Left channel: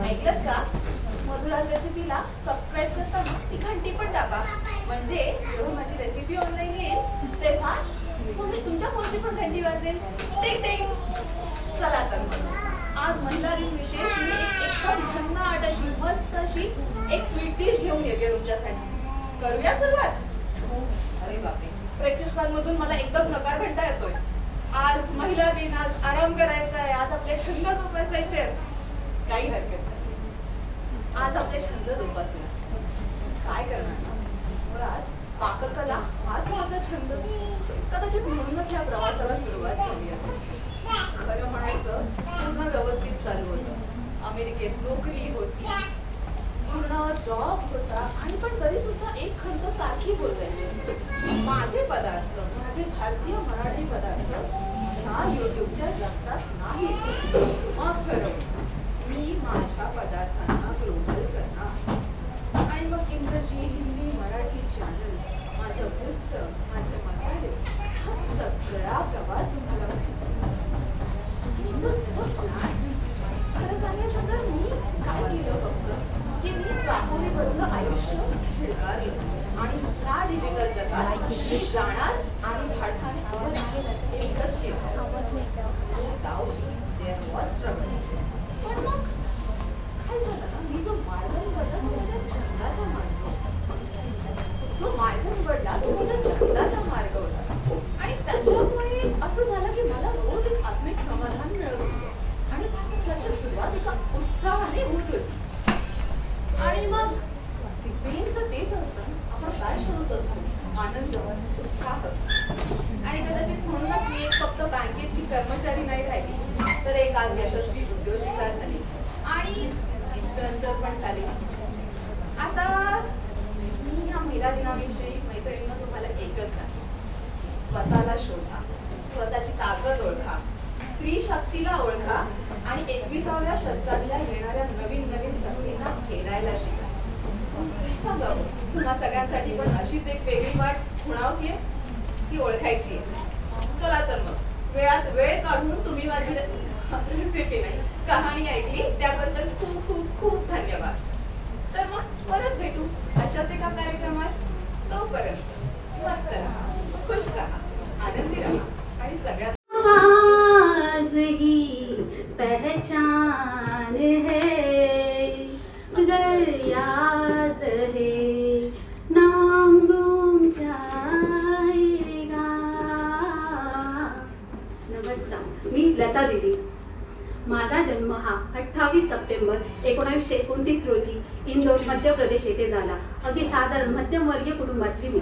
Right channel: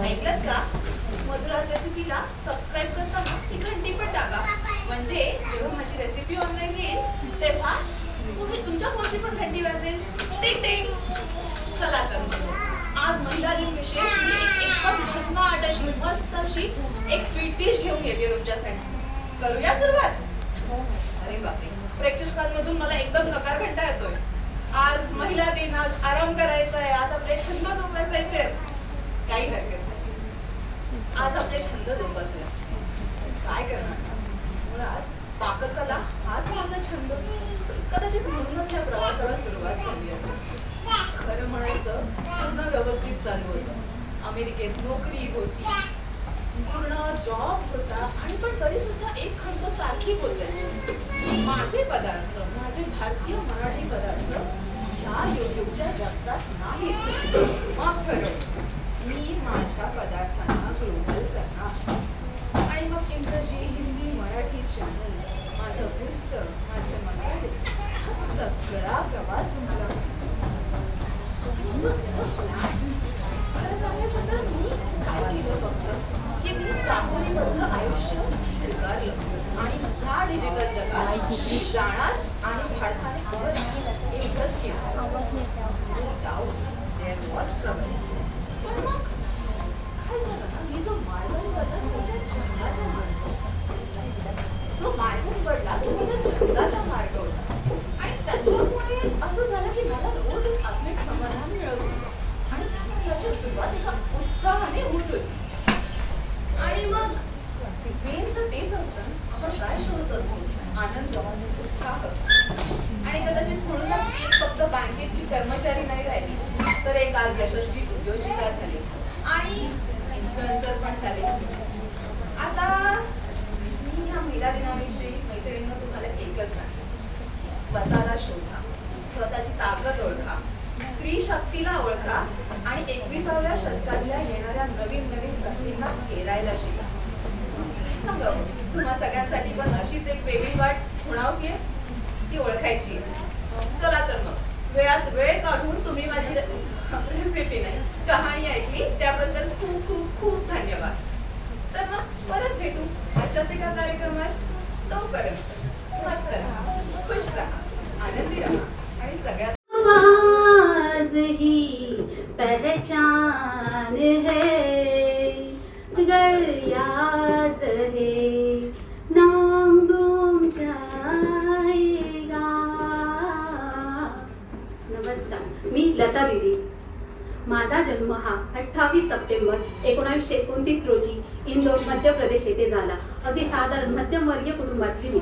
ऐकलत का? मधुराज रेसिपीला सबस्क्राईब करताना ती घंटी पण दाबा, म्हणजे जेव्हा माझी रेसिपी ऑनलाईन येईल तेव्हा तुमच्या फोनची पण घंटी वाजेल. टिंग टिंग. चला तर मग आज महिला दिन विशेष मी एकदम भन्नाट अशी मस्त अशी एक स्वीट डिश घेऊन येते तुमच्यासाठी. करूया सुरुवात? अरे बापरे, प्रेक्षकांमधून मला एकदम नकार घंटा येतोय. आज महिला दिन, आज आराम करायचा आहे, आज आपले छंद जोपासायचे. काही हरकत नाही, आज आपले छंद जोपासूया. काय करणार? मुळात पाककला हाच माझा छंद. कदाचित म्हणूनच या प्रवासाला सुरुवात झाली असेल. खरं म्हणायचं पूर्ण व्यवस्थित चालू होतं. अमेरिकेत नोकरी होती, पूर्ण जॉब होता, आणि पण तरी सुद्धा एक खंत सारखी पोचायची. माझे पदार्थ, माझे भारतीय मराठी पदार्थ ह्या युट्यूबच्या जगतात नाही. मग खरं मी माझ्या पदार्थांना ग्लोबल करणार. आणि मग इंग्रजी, हिंदी, मराठी चॅनल्स, माझं पुस्तक, माझे मसाले, हा सगळा प्रवास तुम्हाला खरं सांगायचं तर मी काय केलं फक्त की मी चांगलीबद्ध आयुष्य स्वीकारलं आणि ह्या डिजिटल जगात जाणार आणि धाडसाने एकच केलं. पण मग काय झालं ना, मी जो मार्ग निवडला तो माझ्या छंदाचा मार्ग होता. जो मार्ग निवडला तो माझ्या छंदाचा मार्ग होता. आणि त्याच्यामुळे असं झालं की मला रोज एक आत्मिक समाधान मिळत होतं आणि त्याच्या सुरुवातीचा उत्साहाने होत होती. आणि मग प्रेम तर तेच असतं, आपण काय शोधत असतो? आनंद, उत्साह. आणि कदाचित म्हणूनच मी फक्त बँकेतली कर्मचारी नाही राहिली, तर एक आज यशस्वी उद्योजिका झाली आणि इन्फ्लुएन्सर पण झाले. आता मी ह्या महिला दिनाविषयी मैत्रिणींना तुम्हाला एकच सांगेन, स्वतःला शोधा, स्वतःची ताकद ओळखा, स्त्री शक्तीला ओळखा आणि 21व्या शतकातल्या येणाऱ्या नवीन नवीन संधींना खेळायला शिका. सांगा तुम्हा सगळ्यांसाठी पण अशीच एक वेगळी वाट खुणावतीये, ती ओळखायची आहे. चला तर मग वेळात वेळ काढून तुम्ही माझी रेसिपी नाही कहाणी ऐकली त्याबद्दल खूप खूप खूप धन्यवाद. तर मग परत भेटू अशाच एका कार्यक्रमात. तोपर्यंत मस्त राहा, खुश राहा, आनंदी राहा आणि सगळ्यात आवाज ही पहचान है, अगर याद है नाम गुम जाएगा. नमस्कार, मी लता दीदी. माझा जन्म हा 28 सप्टेंबर 1929 रोजी इंदोर मध्य प्रदेश येथे झाला. अगदी साधारण मध्यमवर्गीय कुटुंबातली मी.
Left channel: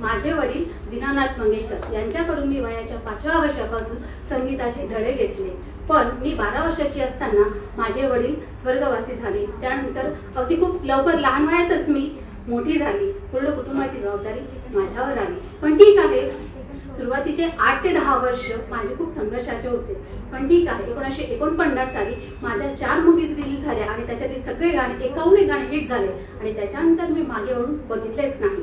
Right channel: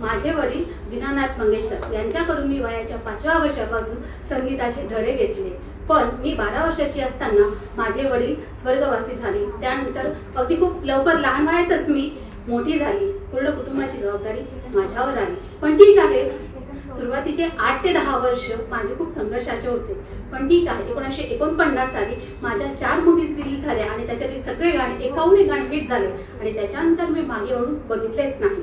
माझे वडील दीनानाथ मंगेशकर यांच्याकडून मी वयाच्या 5व्या वर्षापासून संगीताचे धडे घेतले. पण मी 12 वर्षाची असताना माझे वडील स्वर्गवासी झाले. त्यानंतर अगदी खूप लवकर लहान वयातच मी मोठी झाली. पूर्ण कुटुंबाची जबाबदारी माझ्यावर आली. पण ठीक आहे, सुरुवातीचे 8 ते 10 वर्ष माझे खूप संघर्षाचे होते. पण ठीक आहे, 1949 साली माझ्या 4 मूव्हीज रिलीज झाल्या आणि त्याच्यातील सगळे गाणे 51 गाणे हिट झाले आणि त्याच्यानंतर मी मागे वळून बघितलेच नाही.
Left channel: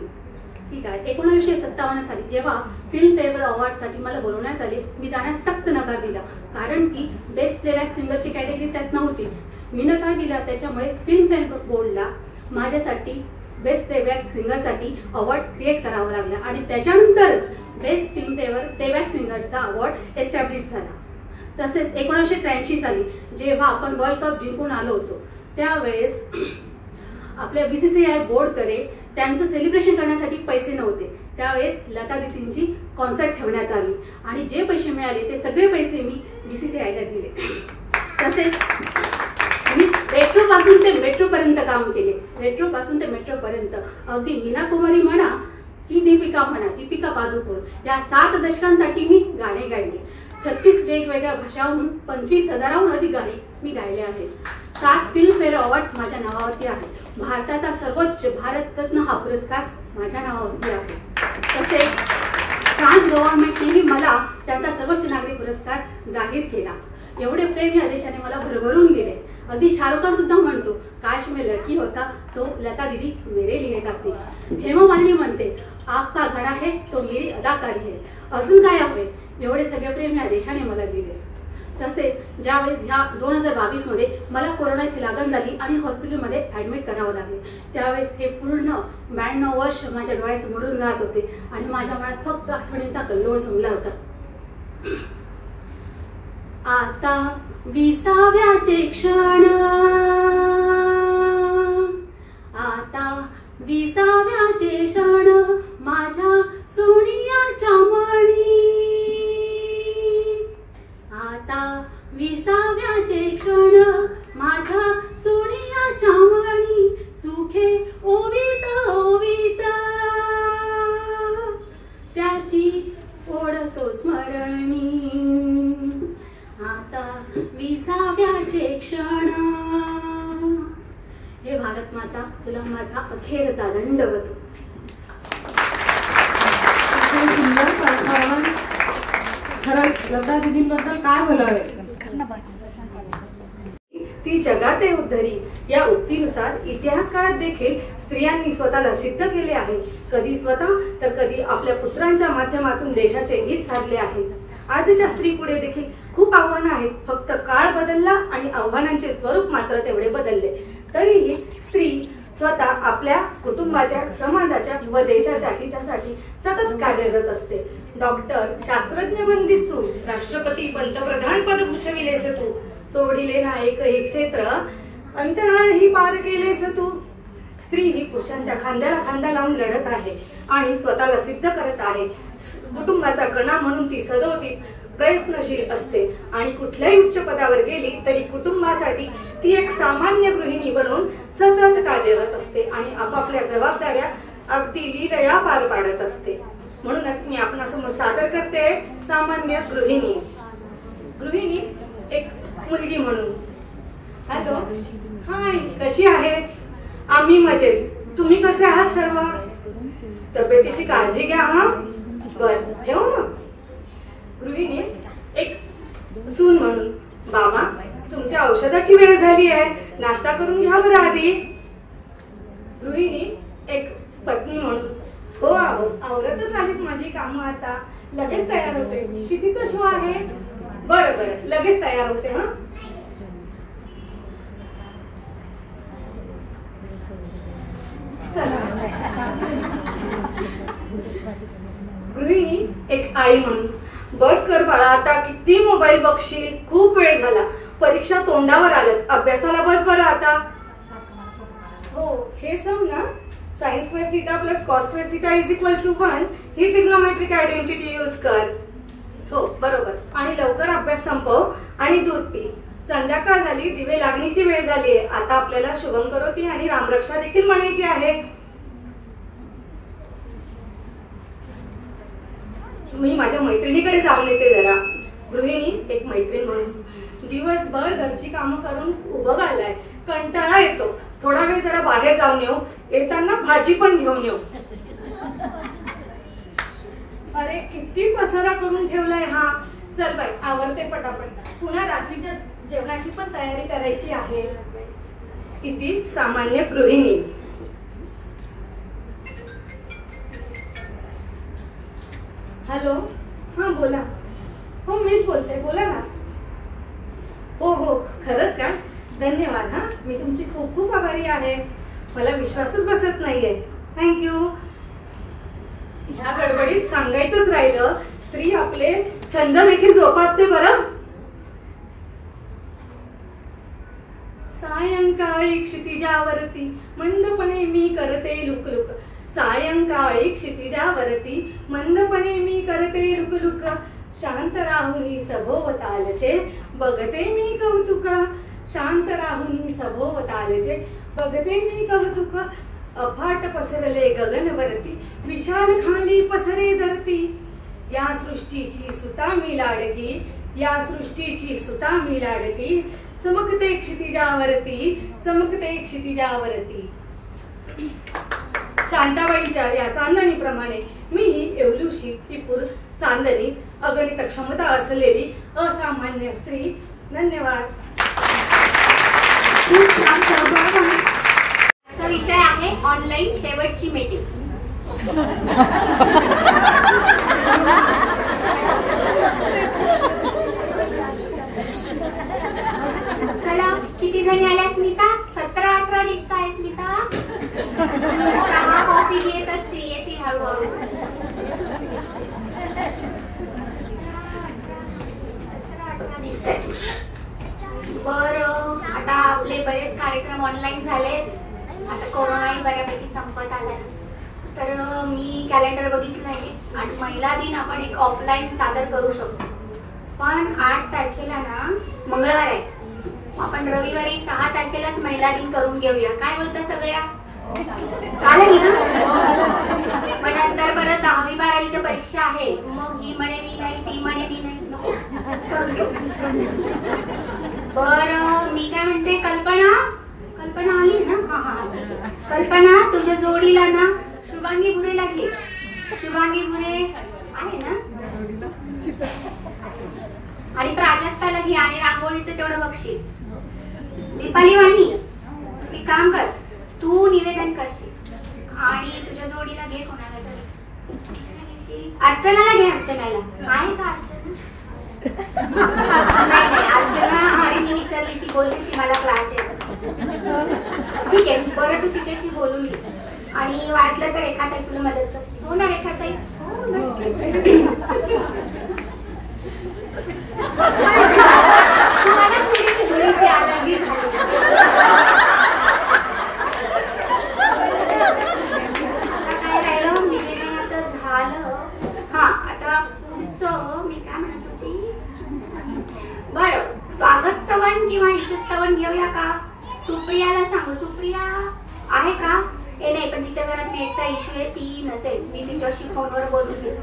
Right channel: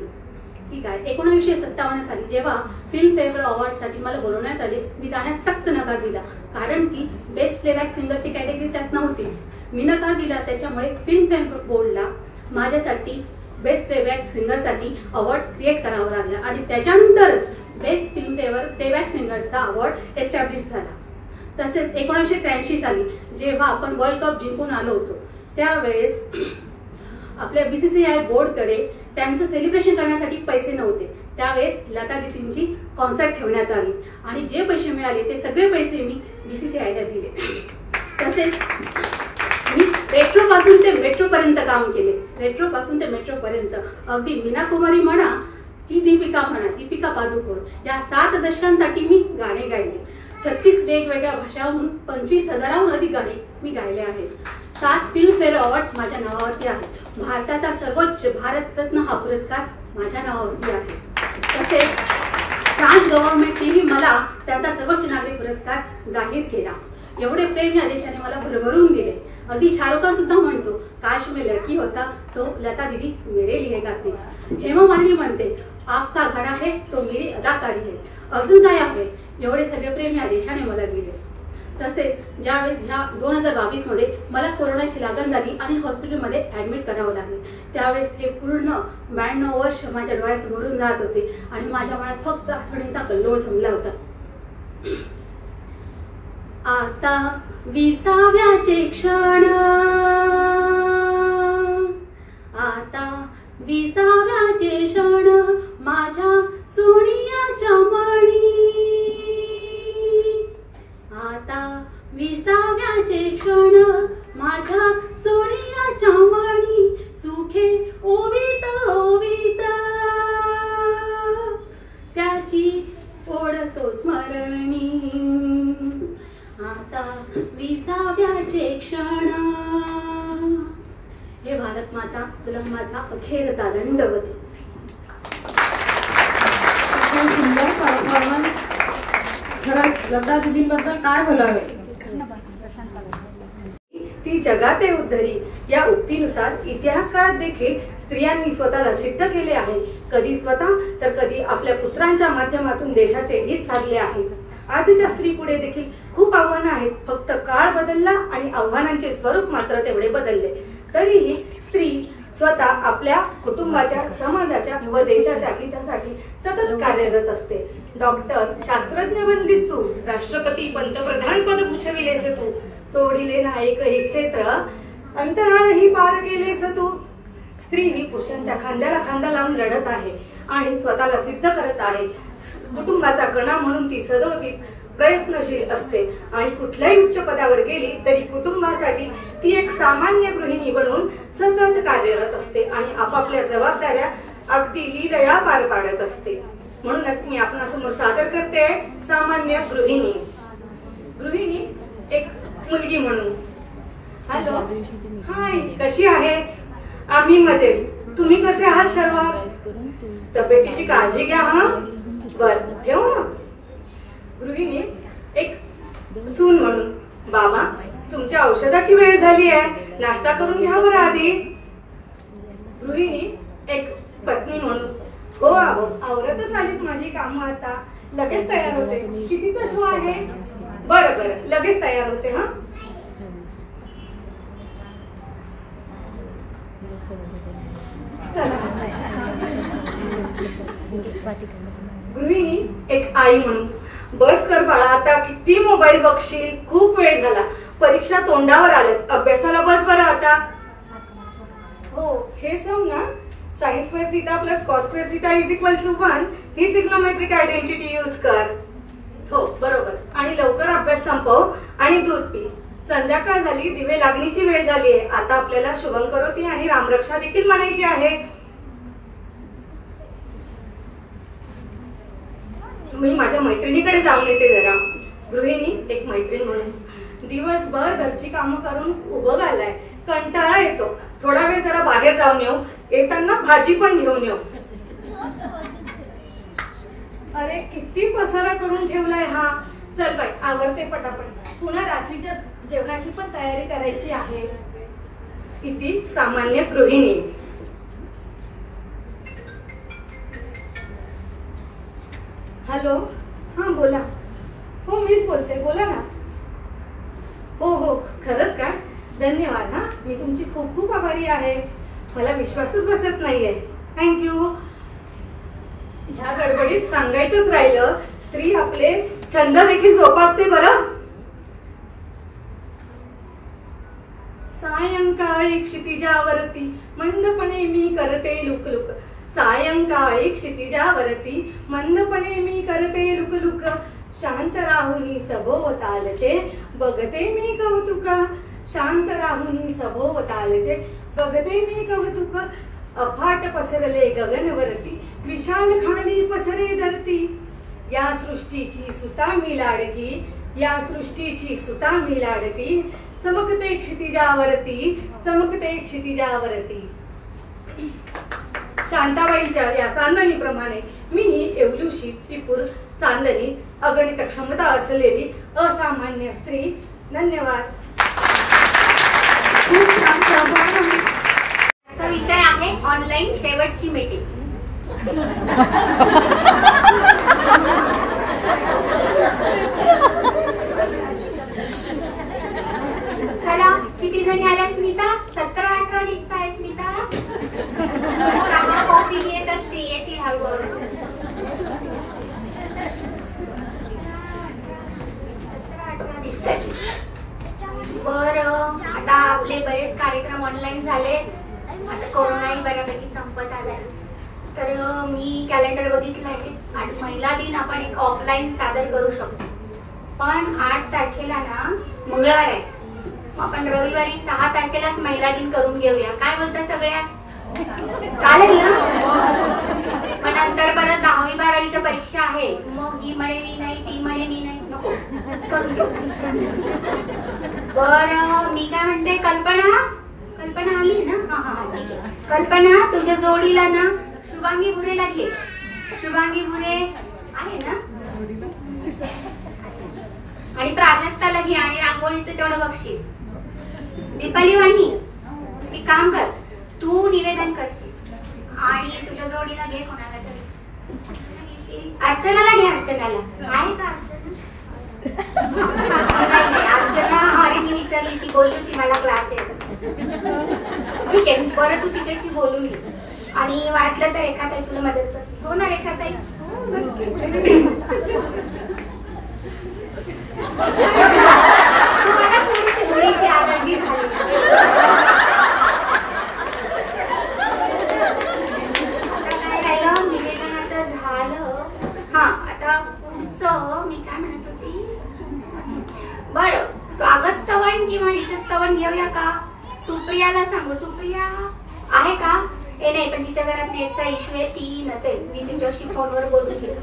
ठीक आहे, 1957 साली जेव्हा फिल्म फेअर अवॉर्डसाठी मला बोलवण्यात आले, मी जाण्यास सक्त नकार दिला. कारण की बेस्ट प्लेबॅक सिंगरची कॅटेगरी त्यात नव्हतीच. मी नकार दिला, त्याच्यामुळे फिल्म फेअर बोर्डला माझ्यासाठी बेस्ट प्लेबॅक सिंगरसाठी अवॉर्ड क्रिएट करावा लागला आणि त्याच्यानंतरच बेस्ट फिल्म फेअर प्लेबॅक सिंगरचा अवॉर्ड एस्टॅब्लिश झाला. तसेच 1983 साली जेव्हा आपण वर्ल्ड कप जिंकून आलो होतो, त्यावेळेस आपल्या BCCI बोर्डकडे त्यांचं सेलिब्रेशन करण्यासाठी पैसे नव्हते. त्यावेळेस लता दीदींची कॉन्सर्ट ठेवण्यात आली आणि जे पैसे मिळाले ते सगळे पैसे मी BCCIला दिले. तसेच मी रेट्रो पासून ते मेट्रो पर्यंत काम केले. रेट्रो पासून ते मेट्रो पर्यंत अगदी मीना कुमारी म्हणा की दीपिका पादुकोण या 7 दशकांसाठी मी गाणे गायले. 36 वेगवेगळ्या भाषांहून 25,000हून अधिक गाणी मी गायले आहेत. 7 फिल्म फेअर अवॉर्ड्स माझ्या नावावरती आहेत. भारताचा सर्वोच्च भारतरत्न हा पुरस्कार माझ्या नावावरती आहे. तसेच फ्रान्स गव्हर्नमेंटनेही मला त्यांचा सर्वोच्च नागरिक पुरस्कार जाहीर केला. एवढे प्रेम या देशाने मला भरभरून दिले. अगदी शाहरुख खान सुद्धा म्हणतो, काश मैं लड़की होता तो लता दीदी मेरे लिए गाती. हेमा मालिनी म्हणते, आपका घडा है तो मेरी अदाकारी है. अजून काय आहे? एवढे सगळे प्रेम या देशाने मला दिले. तसेच ज्यावेळेस ह्या 2022 मध्ये मला कोरोनाची लागण झाली आणि हॉस्पिटलमध्ये ॲडमिट करावं लागले, त्यावेळेस हे पूर्ण 92 वर्ष माझ्या डोळ्यासमोरून जात होते आणि माझ्या मनात फक्त आठवणीचा कल्लोळ जमला होता. आता 20व्याचे क्षण, आता 20व्याचे क्षण माझ्या सोनियाच्या मणी, आता 20व्याचे क्षण माझ्या सोनियाच्या मणी, सुखे ओवीत ओवीत त्याची ओढतो स्मरणी. आता 20व्याचे क्षण. हे भारत माता, तुला माझा अखेरचा दंडवत. सुंदर परफॉर्मन्स. खरंच लता दीदींबद्दल काय बोलावे. ती जगाते उद्धरी या उक्तीनुसार इतिहासकाळात देखील स्त्रियांनी स्वतःला सिद्ध केले आहे. कधी स्वतः तर कधी आपल्या पुत्रांच्या माध्यमातून देशाचे हित साधले आहे. आजच्या स्त्री पुढे देखील खूप आव्हानं आहेत. फक्त काळ बदलला आणि आव्हानांचे स्वरूप मात्र तेवढे बदलले. तरीही स्त्री स्वतः आपल्या कुटुंबाच्या, समाजाच्या व देशाच्या हितासाठी सतत कार्यरत असते. डॉक्टर, शास्त्रज्ञ बनलीस तू, राष्ट्रपती, पंतप्रधान पद भूषविलेस तू, सोडिले ना एकही क्षेत्र, अंतराळही पार केलेस तू. स्त्री ही पुरुषांच्या खांद्याला खांदा लावून लढत आहे आणि स्वतःला सिद्ध करत आहे. कुटुंबाचा कणा म्हणून ती सदोदित प्रयत्नशील असते आणि कुठल्याही उच्च पदावर गेली तरी कुटुंबासाठी ती एक सामान्य गृहिणी बनून सतत कार्यरत असते आणि आपापल्या जबाबदाऱ्या अगदी लीलया पार पाडत असते. म्हणूनच मी आपणासमोर सादर करते सामान्य गृहिणी. गृहिणी एक मुलगी म्हणून. हॅलो, हाय, कशी आहेस? आम्ही मजेत. तुम्ही कसे आहात सर्व? तब्येतीची काळजी घ्या हा. बर, ठेवू ना. गृहिणी एक सून म्हणून, बाबा तुमच्या औषधाची वेळ झाली आहे, नाश्ता करून घ्या बरं आधी. गृहिणी एक पत्नी म्हणून, हो आहो, आवरतच आलीत माझी कामं, आता लगेच तयार होते. कितीचा शो आहे? बरं बरं, लगेच तयार होते हा. चला. गृहिणी एक आई म्हणून, बस कर बाळा, आता किती मोबाईल बघशील, खूप वेळ झाला, परीक्षा तोंडावर आल्यात, अभ्यासाला बस बरं आता. हो, हे सम ना, sine square theta plus cos square theta is equal to 1 ही ट्रिग्नोमेट्रिक आयडेंटिटी यूज कर. हो बरोबर. आणि लवकर अभ्यास संपव आणि दूध पी. संध्याकाळ झाली, दिवे लागणीची वेळ झाली आहे. आता आपल्याला शुभम करोती आणि रामरक्षा देखील म्हणायची आहे. मी माझ्या मैत्रिणीकडे जाऊन येते जरा. गृहिणी एक मैत्रीण म्हणून, दिवसभर घरची कामं करून उभं घालाय, कंटाळा येतो, थोडा वेळ जरा बाहेर जाऊन येऊ, येताना भाजी पण घेऊन येऊ. अरे किती पसारा करून ठेवलाय हा. चल बाई, आवरते पटापट, पुन्हा रात्रीच्या जेवणाची पण तयारी करायची आहे. इति सामान्य गृहिणी. हॅलो, हा बोला. हो मीच बोलते, बोला ना. हो हो, खरंच काय? धन्यवाद हा, मी तुमची खूप खूप आभारी आहे. मला विश्वासच बसत नाहीये. थँक्यू. ह्या गडबडीत सांगायचंच राहिलं, स्त्री आपले छंद देखील जोपासते बरं. सायंकाळी क्षितिजावरती मंदपणे मी करते लुकलुक, सायंकाळी क्षितिजावरती मंदपणे मी करते लुकलुक, शांत राहुनी सभोवतालचे बघते मी कौतुका, शांत राहुनी सभोवतालचे बघते मी कौतुक, अफाट पसरले गगनवरती विशाल खाली पसरे धरती, या सृष्टीची सुता मी लाडकी, या सृष्टीची सुता मी लाडकी, चमकते क्षितिजावरती, चमकते क्षितिजावरती. शांताबाईंच्या या चांदणीप्रमाणे मी ही येवलूशी टिपूर चांदणी अगणित क्षमता असलेली असामान्य स्त्री. धन्यवाद. याचा विषय आहे ऑनलाईन शेवटची मीटिंग. चहा कॉफी घेत असते, येतील हळूहळू. बरं, आता आपले बरेच कार्यक्रम ऑनलाईन झाले. आता कोरोनाही बऱ्यापैकी संपत आलाय. तर मी कॅलेंडर बघितलं आहे आणि महिला दिन आपण एक ऑफलाईन सादर करू शकतो. पण 8 तारखेला ना मंगळवार आहे, आपण रविवारी 6 तारखेलाच महिला दिन करून घेऊया. काय बोलता सगळ्या? चालेल ना? पण नंतर परत 10वी 12वीच्या परीक्षा आहे, मग ही म्हणे मी नाही, ती म्हणे मी नाही. नको, करून घेऊ. बरं, मी काय म्हणते, कल्पना आली ना? हा ठीक आहे. कल्पना, तुझ्या जोडीला ना शुभांगी भुरेला घे. शुभांगी भुरे आहे ना? आणि प्राजक्ताला घे आणि रांगोळीचं तेवढं बक्षीस. दीपाली वाणी, एक काम कर, तू निवेदन करशील आणि तुझ्या जोडीला घे कोणाला तरी. अर्चनाला घे. अर्चनाला आहे का? अर्चना आणि मी विसरली, ती बोलली ती मला क्लासेस. ठीक आहे, बरं तू तिच्याशी बोलून घे आणि वाटलं तर एखादा तुला मदत कर. हो ना रेखाताई? मला थोडीशी धुळीची अलर्जी झाली. आता काय राहिलं, निवेदनाचं झालं. हा, आता पुढचं मी काय म्हणत होती. बरं, स्वागत स्तवन किंवा ईशस्तवन घेऊया का? सुप्रियाला सांगू. सुप्रिया आहे का? हे नाही, पण तिच्या घरात नेटचा इश्यू आहे, ती नसेल. मी तिच्याशी फोनवर बोलून घेऊ.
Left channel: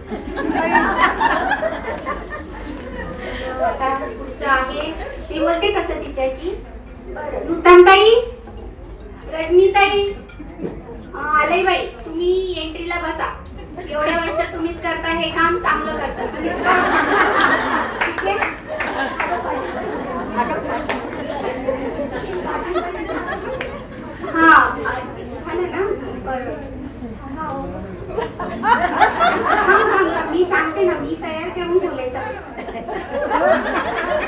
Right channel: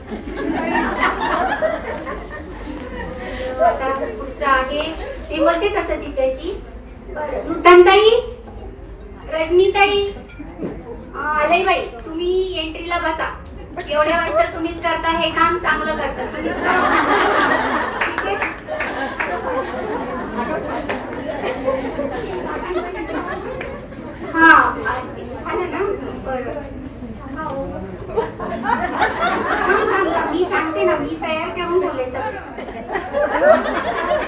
आता पुढचं आहे, मी बोलते तसं तिच्याशी. बरं, नूतनताई, रजनीताई, आले बाई, तुम्ही एंट्रीला बसा. एवढ्या वर्षात तुम्हीच करता हे काम, चांगलं करता तुम्हीच करा. ठीक आहे? हा, झालं ना? बरं, मी सांगते ना, मी तयार करून बोलायचं.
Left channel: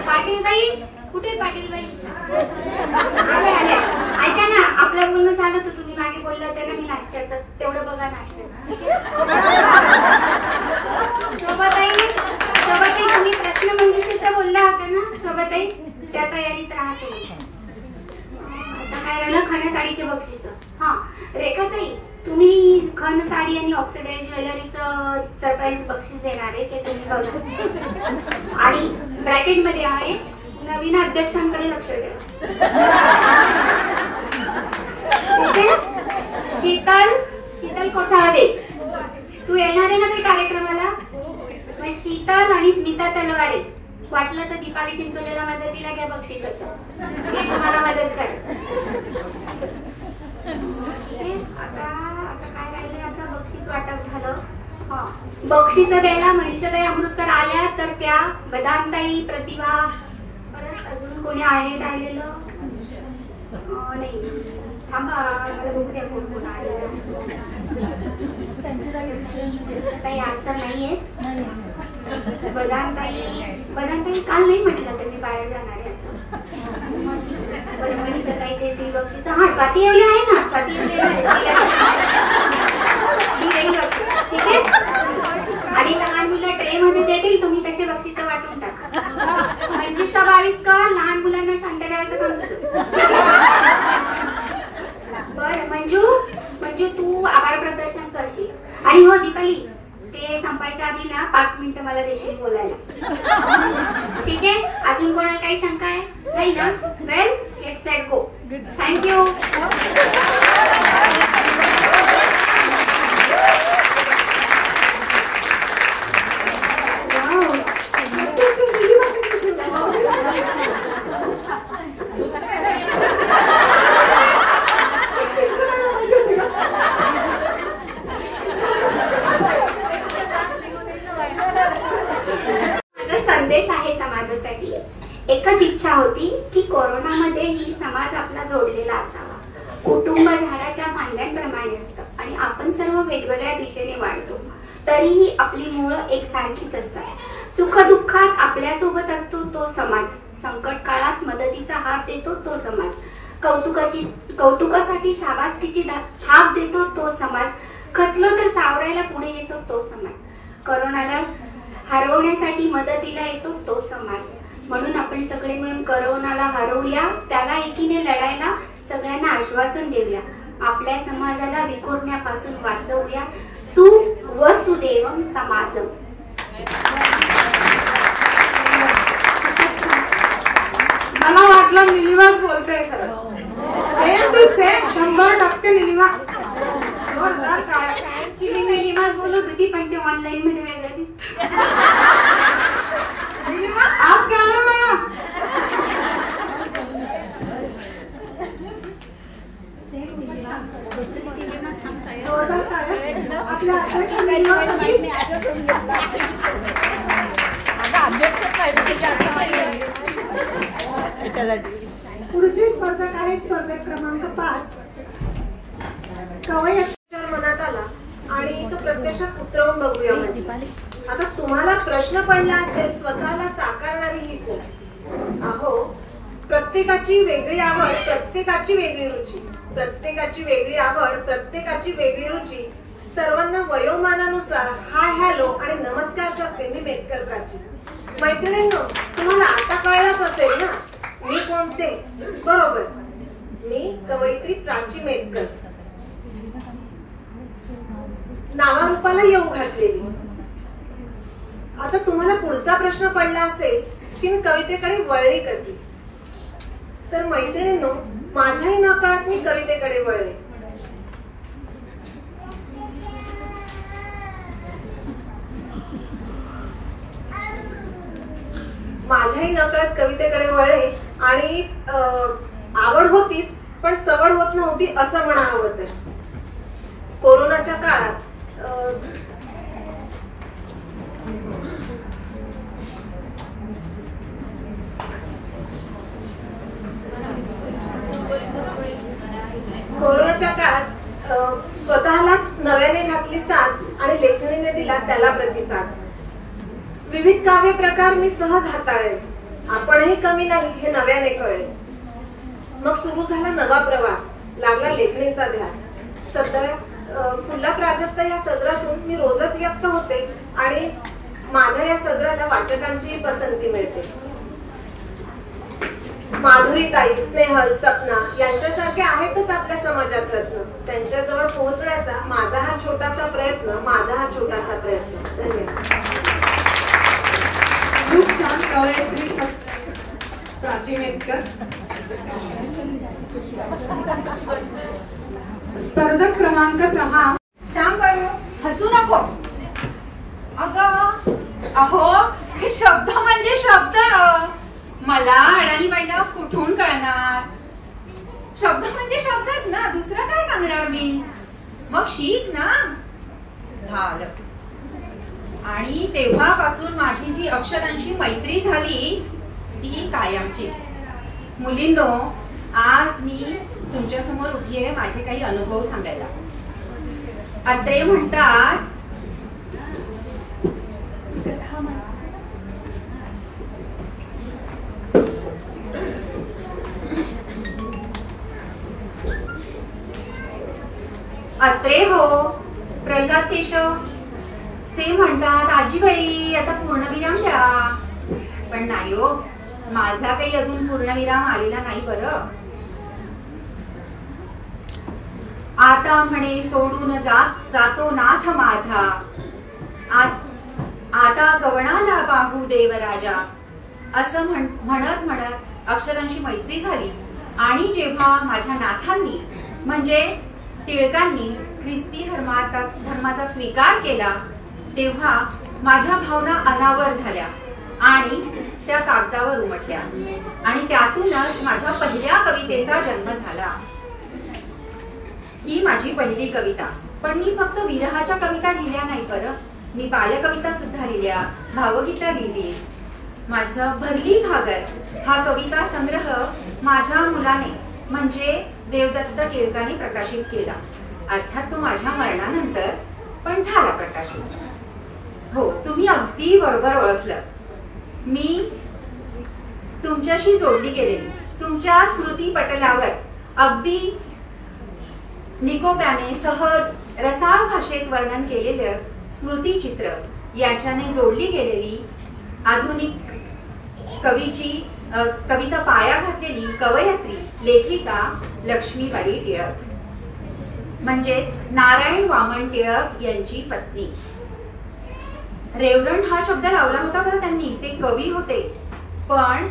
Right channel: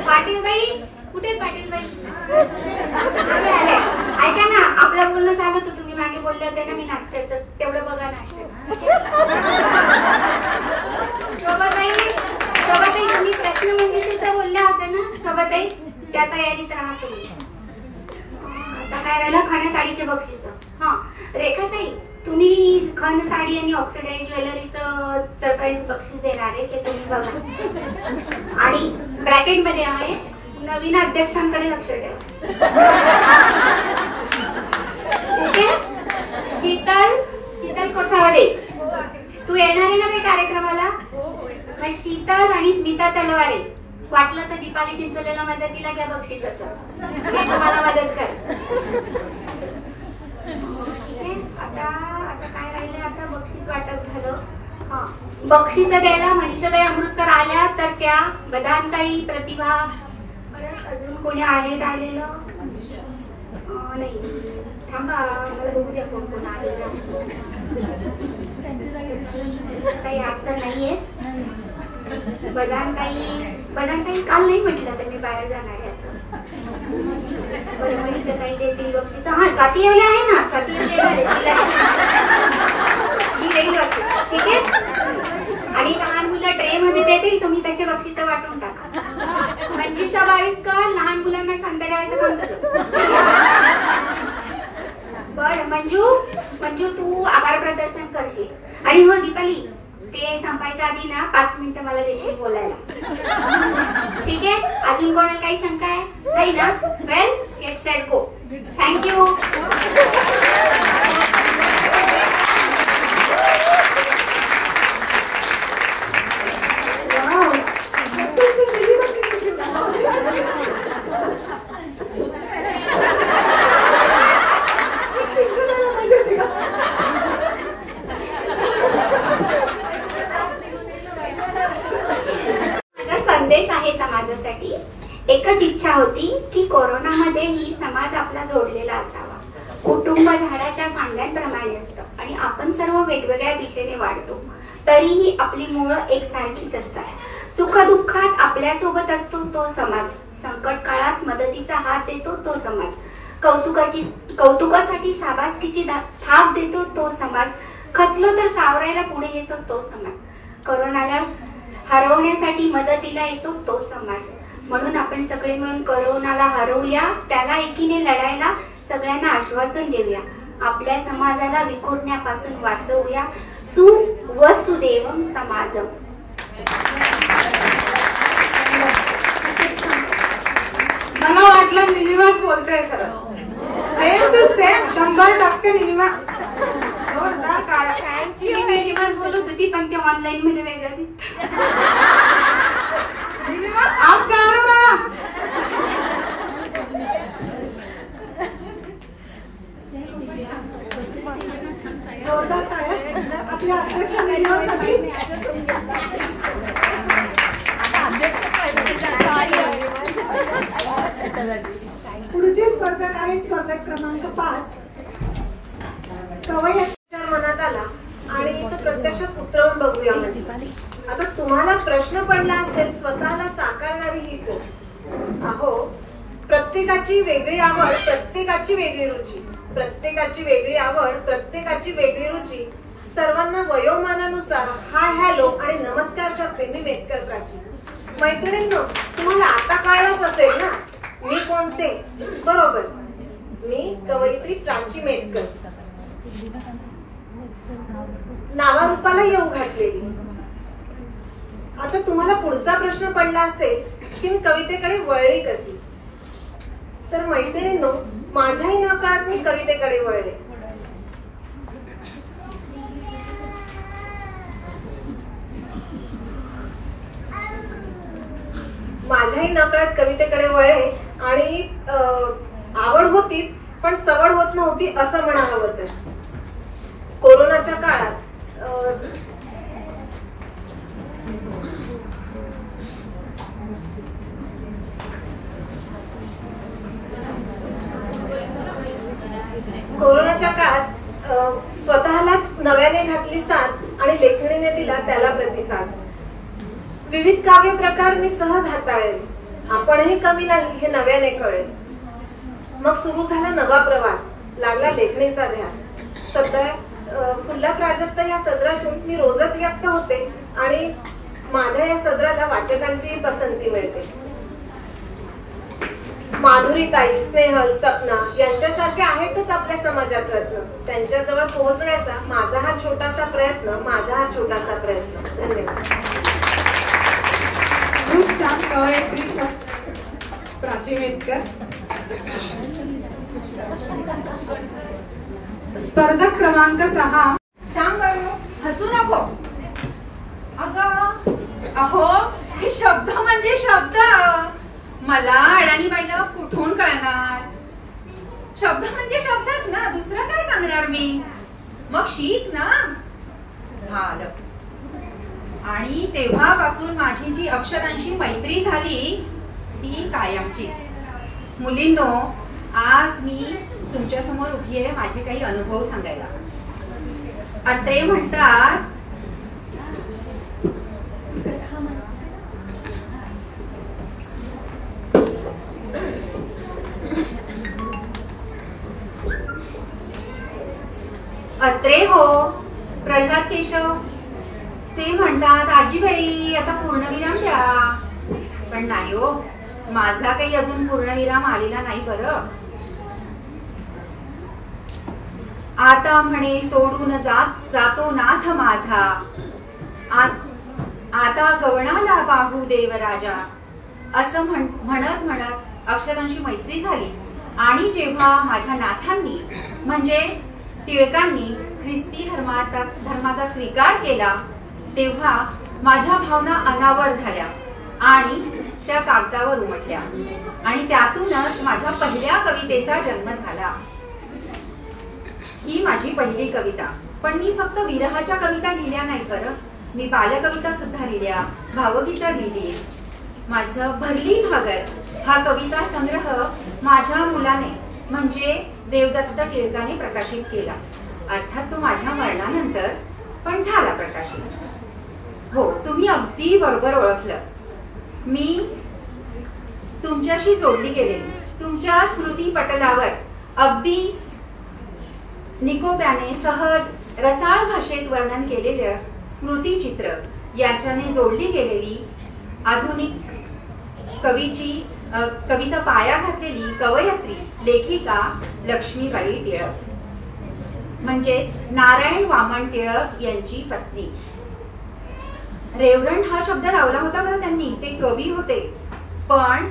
पाटील बाई कुठे? पाटील बाई आले. ऐका ना, आपलं बोलणं झालं तर तुम्ही मागे बोलले होते ना मी नाश्त्याचं, तेवढं बघा नाश्त्याचं. ठीक आहे? शोभाताई, तुम्ही प्रश्नमंजुषेचं बोलल्या होत्या ना शोभाताई, त्या तयारीत राहा तुम्ही. आता काय राहिलं, खण साडीचे बक्षीस. हा, रेखाताई, तुम्ही खण साडी आणि ऑक्सिडाइज ज्वेलरीचं सरप्राईज बक्षीस देणार आहे, ते तुम्ही बघा. आणि ब्रॅकेट मध्ये आहे, नवीन अध्यक्षांकडे लक्ष द्या. ठीक आहे? शीतल कोठावदे, तू येणार आहे ना काही कार्यक्रमाला? शीतल आणि स्मिता तलवारे, वाटलं तर दीपाली चिंचोलेला मदतीला घ्या बक्षिसाचं, ते तुम्हाला मदत कर. आता काय राहिलं, आता बक्षीस वाटप झालं. हा, बक्षीस द्यायला मनीषाताई अमृतकर आल्या तर त्या, बदामताई, प्रतिभा, परत अजून कोणी आहेत आलेलं? नाही, थांबा, दुसऱ्या कोण आलेलं ताई आज तर नाहीये. बदामताई काल नाही म्हटलं तर मी बाहेर जाणार आहे असं. मनीषाताई देतील बक्षीस. हा, स्वाती येवले आहे ना, स्वाती येवले ठीक आहे? आणि लहान मुलं ट्रे मध्ये देतील, तुम्ही तसे बक्षीस वाटून टाका. मंजुषा 22 का लहान मुलांना शांत ठेवायचं काम तुझं. बरं, मंजू तू आभार प्रदर्शन करशील. आणि हो दीपाली, ते संपायच्या आधी ना 5 मिनिटं मला देशील बोलायला. ठीक आहे? अजून कोणाला काही शंका आहे? नाही ना? वेल, गेट सेट गो. थँक्यू. संदेश आहे समाजासाठी. एकच इच्छा होती की कोरोनामध्येही समाज आपला जोडलेला असावा. कुटुंब झाडाच्या फांद्यांप्रमाणे असतं आणि आपण सर्व वेगवेगळ्या दिशेने वाढतो, तरीही आपली मुळं एकसारखीच असतात. सुखदुःखात आपल्या सोबत असतो तो समाज, संकट काळात मदतीचा हात देतो तो समाज. कौतुकासाठी शाबासकीची हाक देतो तो समाज, खचलो तर सावरायला पुढे येतो तो समाज, करोनाला हरवण्यासाठी मदतीला येतो तो समाज. म्हणून आपण सगळे मिळून करोनाला हरवूया, त्याला एकीने लढायला सगळ्यांना आश्वासन देऊया, आपल्या समाजाला विखुरण्यापासून वाचवूया. सुवसुदेवम समाजम. मला वाटलं निलिमाच बोलते खरं. Same to same 100% Nilima. Actually मी निलिमाच बोलत होती, पण ते ऑनलाईन मध्ये वेगळं दिसतं. निलिमा आज काय आलं मला? आपल्या अध्यक्ष निलिमासाठी पुढची स्पर्धक आहे स्पर्धक क्रमांक 5. कवयित्री मनात आला आणि तो प्रत्यक्षात उतरवून बघूया म्हणजे. आता तुम्हाला प्रश्न पडला असेल, स्वतःला साकारणारी ही कोण? अहो, प्रत्येकाची वेगळी आवड, प्रत्येकाची वेगळी रुची, प्रत्येकाची वेगळी आवड, प्रत्येकाची वेगळी रुची, सर्वांना वयोमानानुसार हाय हॅलो आणि नमस्कारच्या प्रेमी मेतकरची. मैत्रिणींनो, तुम्हाला आता कळलंच असेल ना मी कोणते? बरोबर, मी कवयित्री प्राची मेतकर, नावारूपाला येऊ घातलेली. आता तुम्हाला पुढचा प्रश्न पडला असेल की मी कवितेकडे वळली कशी? तर मैत्रिणींनो, माझ्याही नकळत मी कवितेकडे वळले. माझ्याही नकळत कवितेकडे वळले आणि आवड होतीच, पण सवड होत नव्हती असं म्हणावं तर. कोरोनाच्या काळात स्वतःलाच नव्याने घातली साथ आणि लेखणीने दिला त्याला प्रतिसाद. विविध काव्य प्रकार मी सहज हाताळले, आपणही कमी नाही हे नव्याने कळले. मग सुरू झाला नवा प्रवास, लागला लेखणीचा ध्यास. सध्या फुल्ला प्राजक्त या सदरातून मी रोजच व्यक्त होते आणि माझ्या या सदराला वाचकांचीही पसंती मिळते. माधुरीताई, स्नेहल, सपना यांच्यासारखे आहेतच आपल्या समाजात रत्न. त्यांच्याजवळ पोहोचण्याचा माझा हा छोटासा प्रयत्न. धन्यवाद. खूप छान कवयित्री प्राची मेतकर. स्पर्धक क्रमांक 6. सांग बरं, हसू नको. अहो, हे शब्द म्हणजे शब्द. मला अडाणी बाईला कुठून कळणार? शब्द म्हणजे शब्दच ना, दुसरं काय सांगणार मी? मग शिक ना. झालं. आणि तेव्हापासून माझी जी अक्षरांशी मैत्री झाली ती कायमचीच. मुलींनो, आज मी तुमच्या समोर उभी आहे माझे काही अनुभव सांगायला. अत्रे म्हणतात, अत्रे हो प्रल्हाद केशव, ते म्हणतात आजीबाई आता पूर्णविराम द्या. पण नाही हो, माझा काही अजून पूर्णविराम आलेला नाही बरं. आता म्हणे सोडून जातो नाथ माझा, आता गवणाला बाहू देवराजा. असं म्हणत म्हणत अक्षरांशी मैत्री झाली. आणि जेव्हा माझ्या नाथांनी म्हणजे टिळकांनी ख्रिस्ती धर्माचा स्वीकार केला तेव्हा माझ्या भावना अनावर झाल्या आणि त्या कागदावर उमटल्या. आणि त्यातूनच माझ्या पहिल्या कवितेचा जन्म झाला. ही माझी पहिली कविता. पण मी फक्त विरहाच्या कविता लिहिल्या नाही बरं. मी बालकविता सुद्धा लिहिल्या, भावगीतं लिहिली. माझं भरली घागर हा कविता संग्रह माझ्या मुलाने म्हणजे देवदत्त टिळकाने प्रकाशित केला. अर्थात तो माझ्या मरणानंतर, पण झाला प्रकाशित. हो, तुम्ही अगदी बरोबर ओळखलं. मी तुमच्याशी जोडली गेलेली, तुमच्या स्मृती पटलावर अगदी निकोप्याने सहज रसाळ भाषेत वर्णन केलेलं स्मृतिचित्र याच्याने जोडली गेलेली आधुनिक कवीचा पाया घातलेली कवयित्री लेखिका लक्ष्मीबाई टिळक म्हणजेच नारायण वामन टिळक यांची पत्नी. रेवरंट हा शब्द लावला होता बरं त्यांनी, ते कवी होते, पण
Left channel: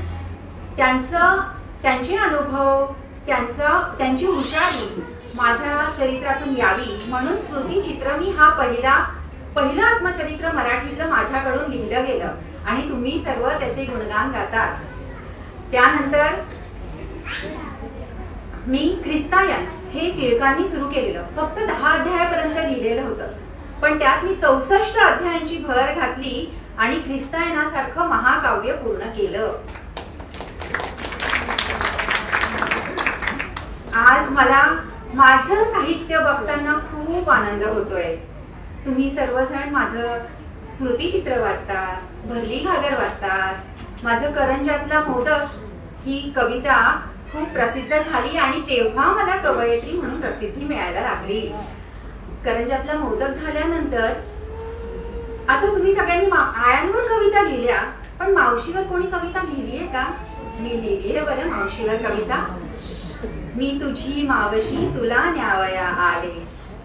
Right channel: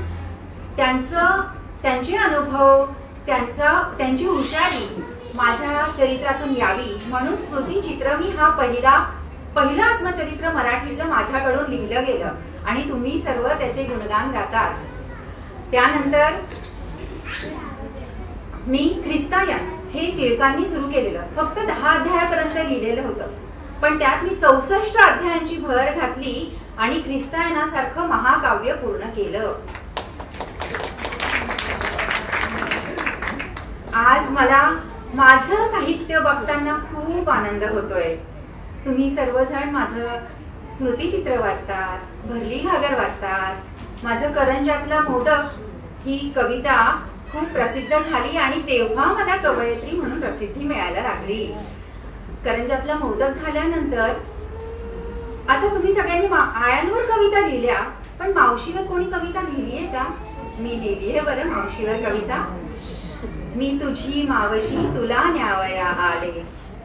त्यांचे अनुभव त्यांची हुशारी माझ्या चरित्रातून यावी म्हणून स्मृतिचित्र मी हा पहिलं आत्मचरित्र मराठीतलं माझ्याकडून लिहिलं गेलं आणि तुम्ही सर्व त्याचे गुणगान गातात. त्यानंतर मी ख्रिस्तायन हे टिळकांनी सुरू केलेलं, फक्त 10 अध्यायापर्यंत लिहिलेलं होतं, पण त्यात मी 64 अध्यायांची भर घातली आणि ख्रिस्तायनासारखं महाकाव्य पूर्ण केलं. आज मला माझं साहित्य बघताना खूप आनंद होतोय. तुम्ही सर्वजण माझं स्मृतिचित्र वाचतात, भरली घागर वाचतात. माझं करंजातला मोदक ही कविता खूप प्रसिद्ध झाली आणि तेव्हा मला कवयित्री म्हणून प्रसिद्धी मिळायला लागली. करंजातला मोदक झाल्यानंतर आता तुम्ही सगळ्यांनी आयांवर कविता लिहिल्या, पण मावशीवर कोणी कविता लिहिली आहे का? मी लिहिली आहे बरं मावशीवर कविता. मी तुझी मावशी तुला न्यावया आले,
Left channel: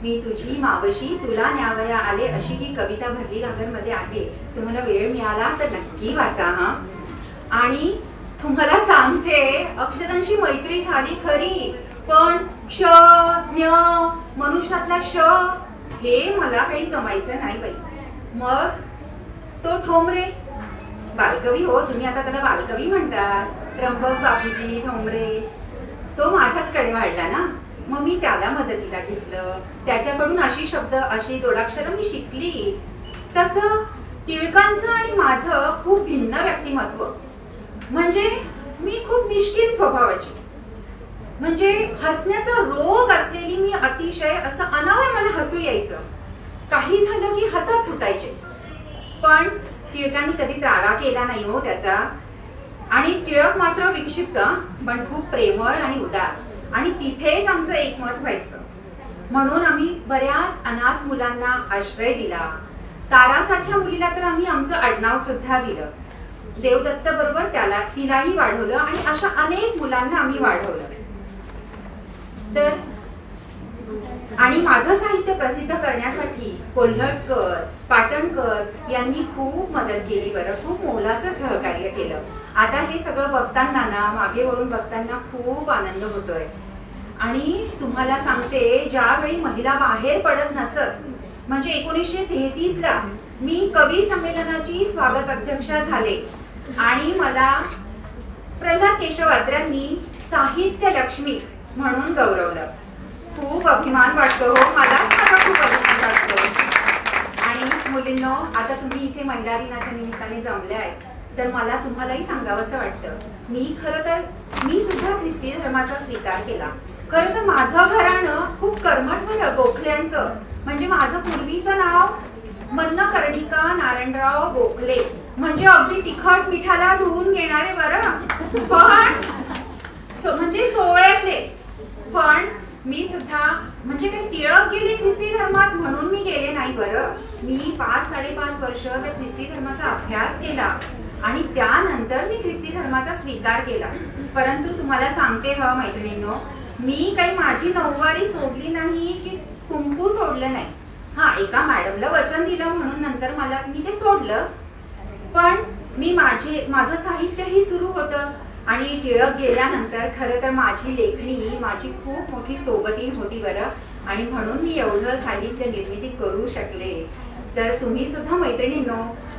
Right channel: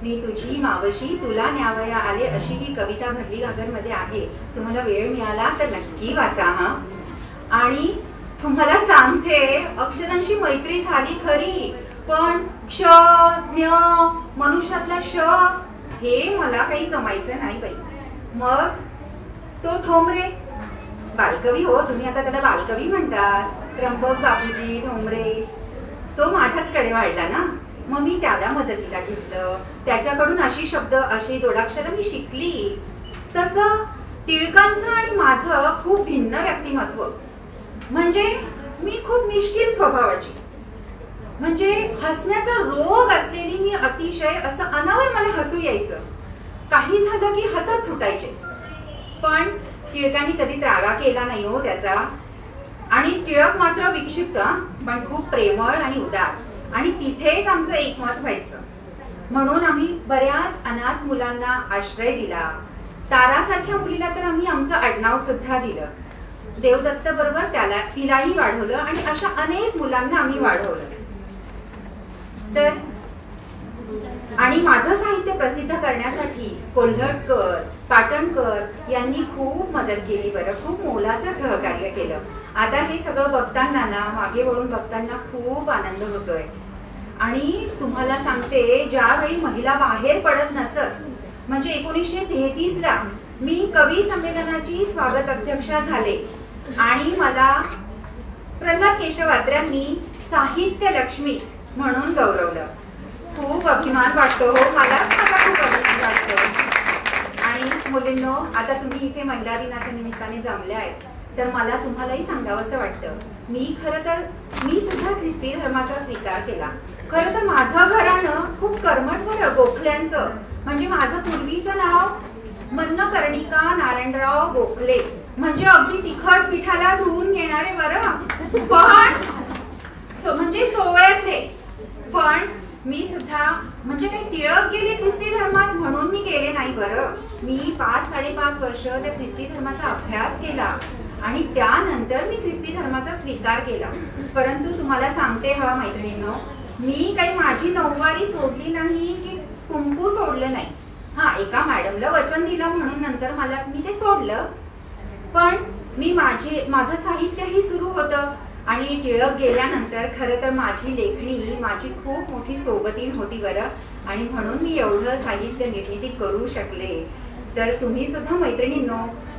मी तुझी मावशी तुला न्यावया आले, अशी ही कविता भरली घागर मध्ये आहे. तुम्हाला वेळ मिळाला तर नक्की वाचा हा. आणि तुम्हाला सांगते अक्षरांशी मैत्री झाली खरी, पण क्ष ज्ञ मनुष्यातला श हे मला काही जमायचं नाही बाई. मग तो ठोंबरे बालकवी, हो तुम्ही आता त्याला बालकवी म्हणतात, त्र्यंबक बापूजी ठोंबरे, तो माझ्याचकडे वाढला ना, मग मी त्याला मदतीला घेतलं. त्याच्याकडून अशी जोडाक्षरं मी शिकली. तसं टिळकांचं आणि माझं खूप भिन्न व्यक्तिमत्व, म्हणजे मी खूप मिश्किल स्वभावाची, म्हणजे हसण्याचा रोग असलेली मी, अतिशय असं अनावर मला हसू यायचं, काही झालं की हसत सुटायचे. पण टिळकांनी कधी त्रागा केला नाही हो त्याचा. आणि टिळक मात्र विक्षिप्त पण खूप प्रेमळ आणि उदार, आणि तिथेच आमचं एकमत व्हायचं. म्हणून आम्ही बऱ्याच अनाथ मुलांना आश्रय दिला. तारासारख्या मुलीला तर आम्ही आमचं आडनाव सुद्धा दिलं. देवदत्त बरोबर तिलाही वाढवलं आणि अशा अनेक मुलांना आम्ही वाढवलं. तर आणि माझं साहित्य प्रसिद्ध करण्यासाठी कोल्हटकर, पाटणकर यांनी खूप मदत केली बरं, खूप मोलाचं सहकार्य केलं. आता हे सगळं बघताना ना, मागे वळून बघताना खूप आनंद होतोय. आणि तुम्हाला सांगते, ज्यावेळी महिला बाहेर पडत नसत, म्हणजे 1933 ला मी कवी संमेलनाची स्वागत अध्यक्षा झाले आणि मला प्रल्हाद केशव अत्र्यांनी साहित्य लक्ष्मी म्हणून गौरवलं. खूप अभिमान वाटतो हो, मला खूप अभिमान वाटतो. आणि मुलींनो, आता तुम्ही इथे महिला दिनाच्या निमित्ताने जमल्याय, तर मला तुम्हालाही सांगावंसं वाटतं, मी सुद्धा ख्रिस्ती धर्माचा स्वीकार केला. खरं तर माझं घराणं खूप कर्मठ बरं, गोखल्यांचं. म्हणजे माझं पूर्वीचं नाव मन्न कर्णिका नारायणराव गोखले, म्हणजे अगदी तिखट पिठाला धुवून घेणारे बरं, पण म्हणजे सोहळ्यातले. पण मी सुद्धा म्हणजे काही टिळक गेले ख्रिस्ती धर्मात म्हणून मी गेले नाही बरं. मी 5-5.5 वर्ष त्या ख्रिस्ती धर्माचा अभ्यास केला आणि त्यानंतर मी ख्रिस्ती धर्माचा स्वीकार केला. परंतु तुम्हाला सांगते हा मैत्रिणींनो, मी काही माझी नऊवारी सोडली नाही की कुंकू सोडलं नाही. हा, एका मॅडमला वचन दिलं म्हणून नंतर मी ते सोडलं, पण मी माझं साहित्यही सुरू होतं. आणि टिळक गेल्यानंतर खरं तर माझी लेखणी माझी खूप मोठी सोबतीन होती बरं, आणि म्हणून मी एवढं साहित्य निर्मिती करू शकले. तर तुम्ही सुद्धा मैत्रिणींनो,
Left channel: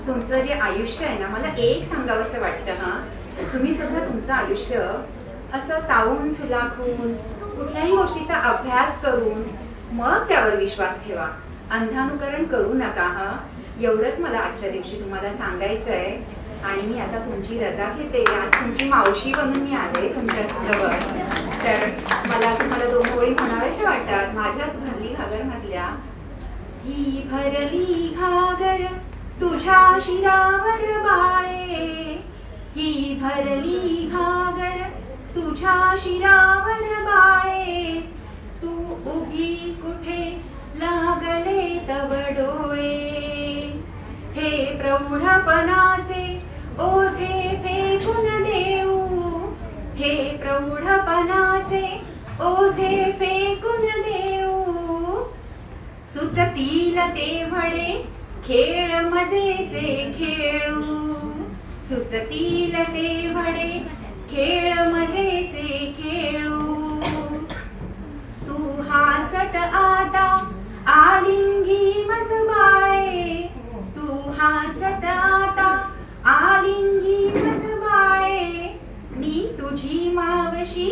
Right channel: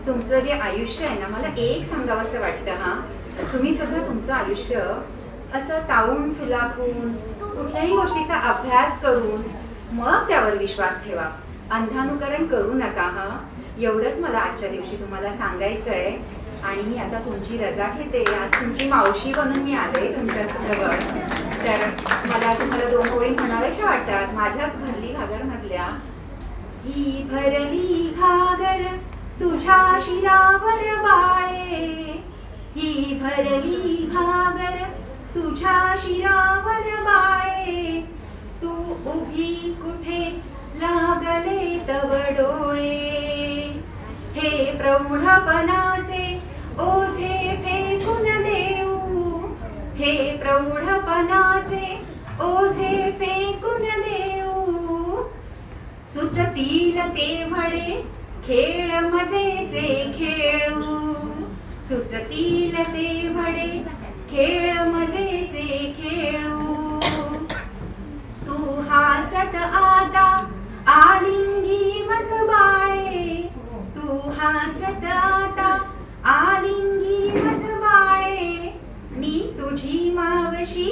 तुमचं जे आयुष्य आहे ना, मला एक सांगावंसं वाटतं हा, तुम्ही सुद्धा तुमचं आयुष्य असं तावून सुलाखून कुठल्याही गोष्टीचा अभ्यास करून मग त्यावर विश्वास ठेवा, अंधानुकरण करू नका हा. एवढंच मला आजच्या दिवशी तुम्हाला सांगायचं आहे. आणि मी आता तुमची रजा घेते. आज तुमची मावशी बनून मी आले तुमच्या जवळ. तर मला तुम्हाला 2 ओळी म्हणाव्याशा वाटतात माझ्याच भरली घागर मधल्या. ही भरली घागर तुझ्या शिरावर बाळे, ही भरली घागर तुझ्या शिरावर बाळे, तू उभी कुठे लागले तव डोळे. हे प्रौढपणाचे ओझे फेकून देऊ, हे प्रौढपणाचे ओझे फेकून देऊ. सुचतील तेवढे खेळ मजेचे खेळू, सुचतील तेवढे खेळ मजेचे खेळू. तू हासत आता आलिंगी मज बाळे, तू हासत आता आलिंगी मज बाळे. मी तुझी मावशी,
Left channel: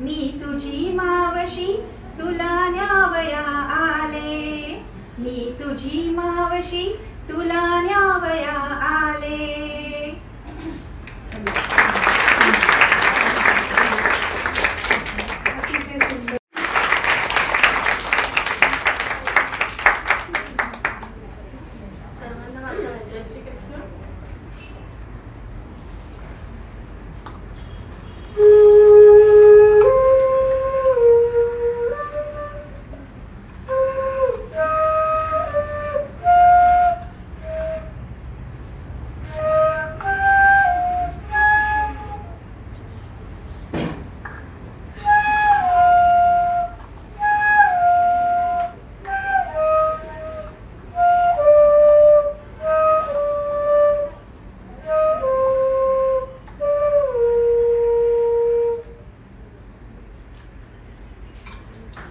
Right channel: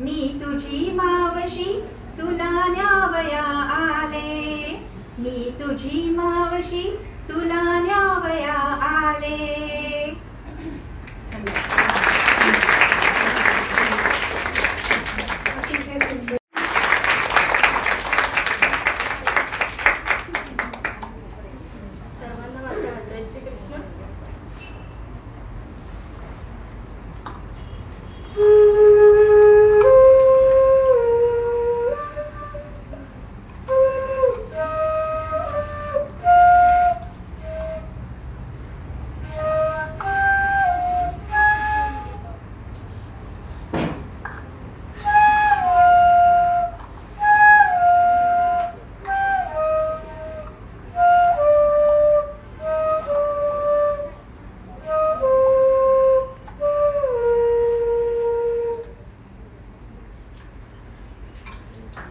मी तुझी मावशी, तुला न्यावया आले. मी तुझी मावशी, तुला न्यावया आले. सर्वांना माझा जय श्री कृष्ण.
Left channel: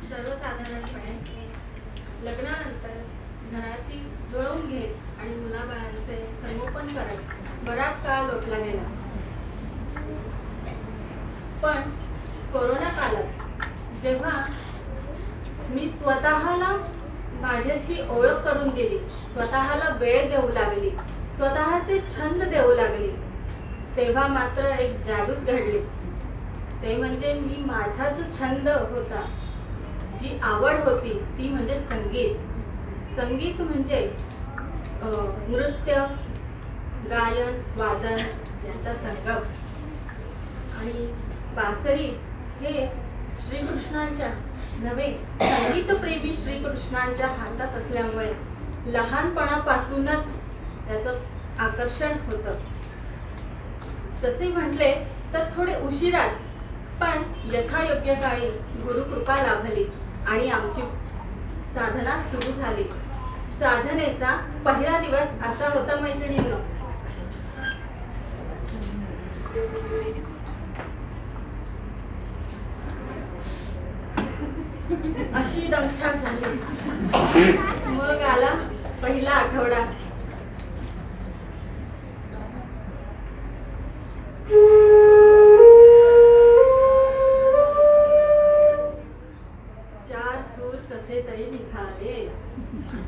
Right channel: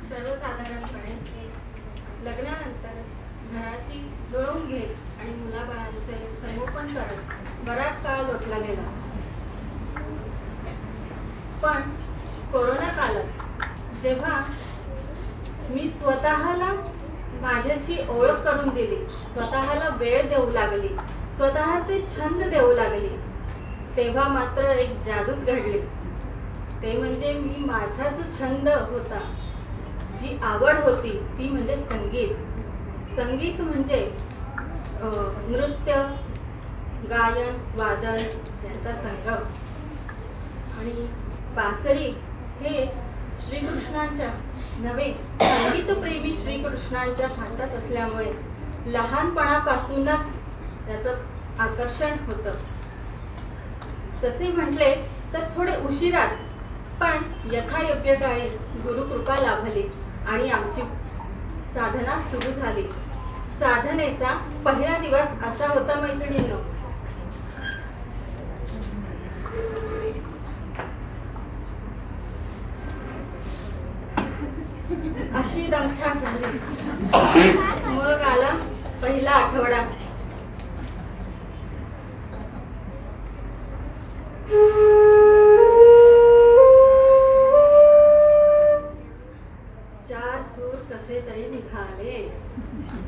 सर्वसाधारणपणे लग्नानंतर घराशी जुळवून घेत आणि मुलाबाळांचे संगोपन करत बराच काळ लोटला गेला. पण कोरोना काळात जेव्हा मी स्वतःला माझ्याशी ओळख करून दिली, स्वतःला वेळ देऊ लागली, स्वतःचे छंद देऊ लागली, तेव्हा मात्र एक जादूच घडली. ते म्हणजे मी माझा जो छंद होता, जी आवड होती, ती म्हणजे संगीत. संगीत म्हणजे नृत्य, गायन, वादन यांचा संगम. आणि बासरी हे श्रीकृष्णांच्या नव्हे, संगीतप्रेमी श्रीकृष्णांच्या हातात असल्यामुळे लहानपणापासूनच त्याचं आकर्षण होतं. तसे म्हटले तर थोडे उशिराच, पण यथायोग्य काळी गुरुकृपा लाभली आणि आमची साधना सुरू झाली. साधनेचा पहिला दिवस असा होता मैत्रिणींनो, अशी दमछाक झाली. मग आला पहिला आठवडा. चार सूर कसे तरी निघाले.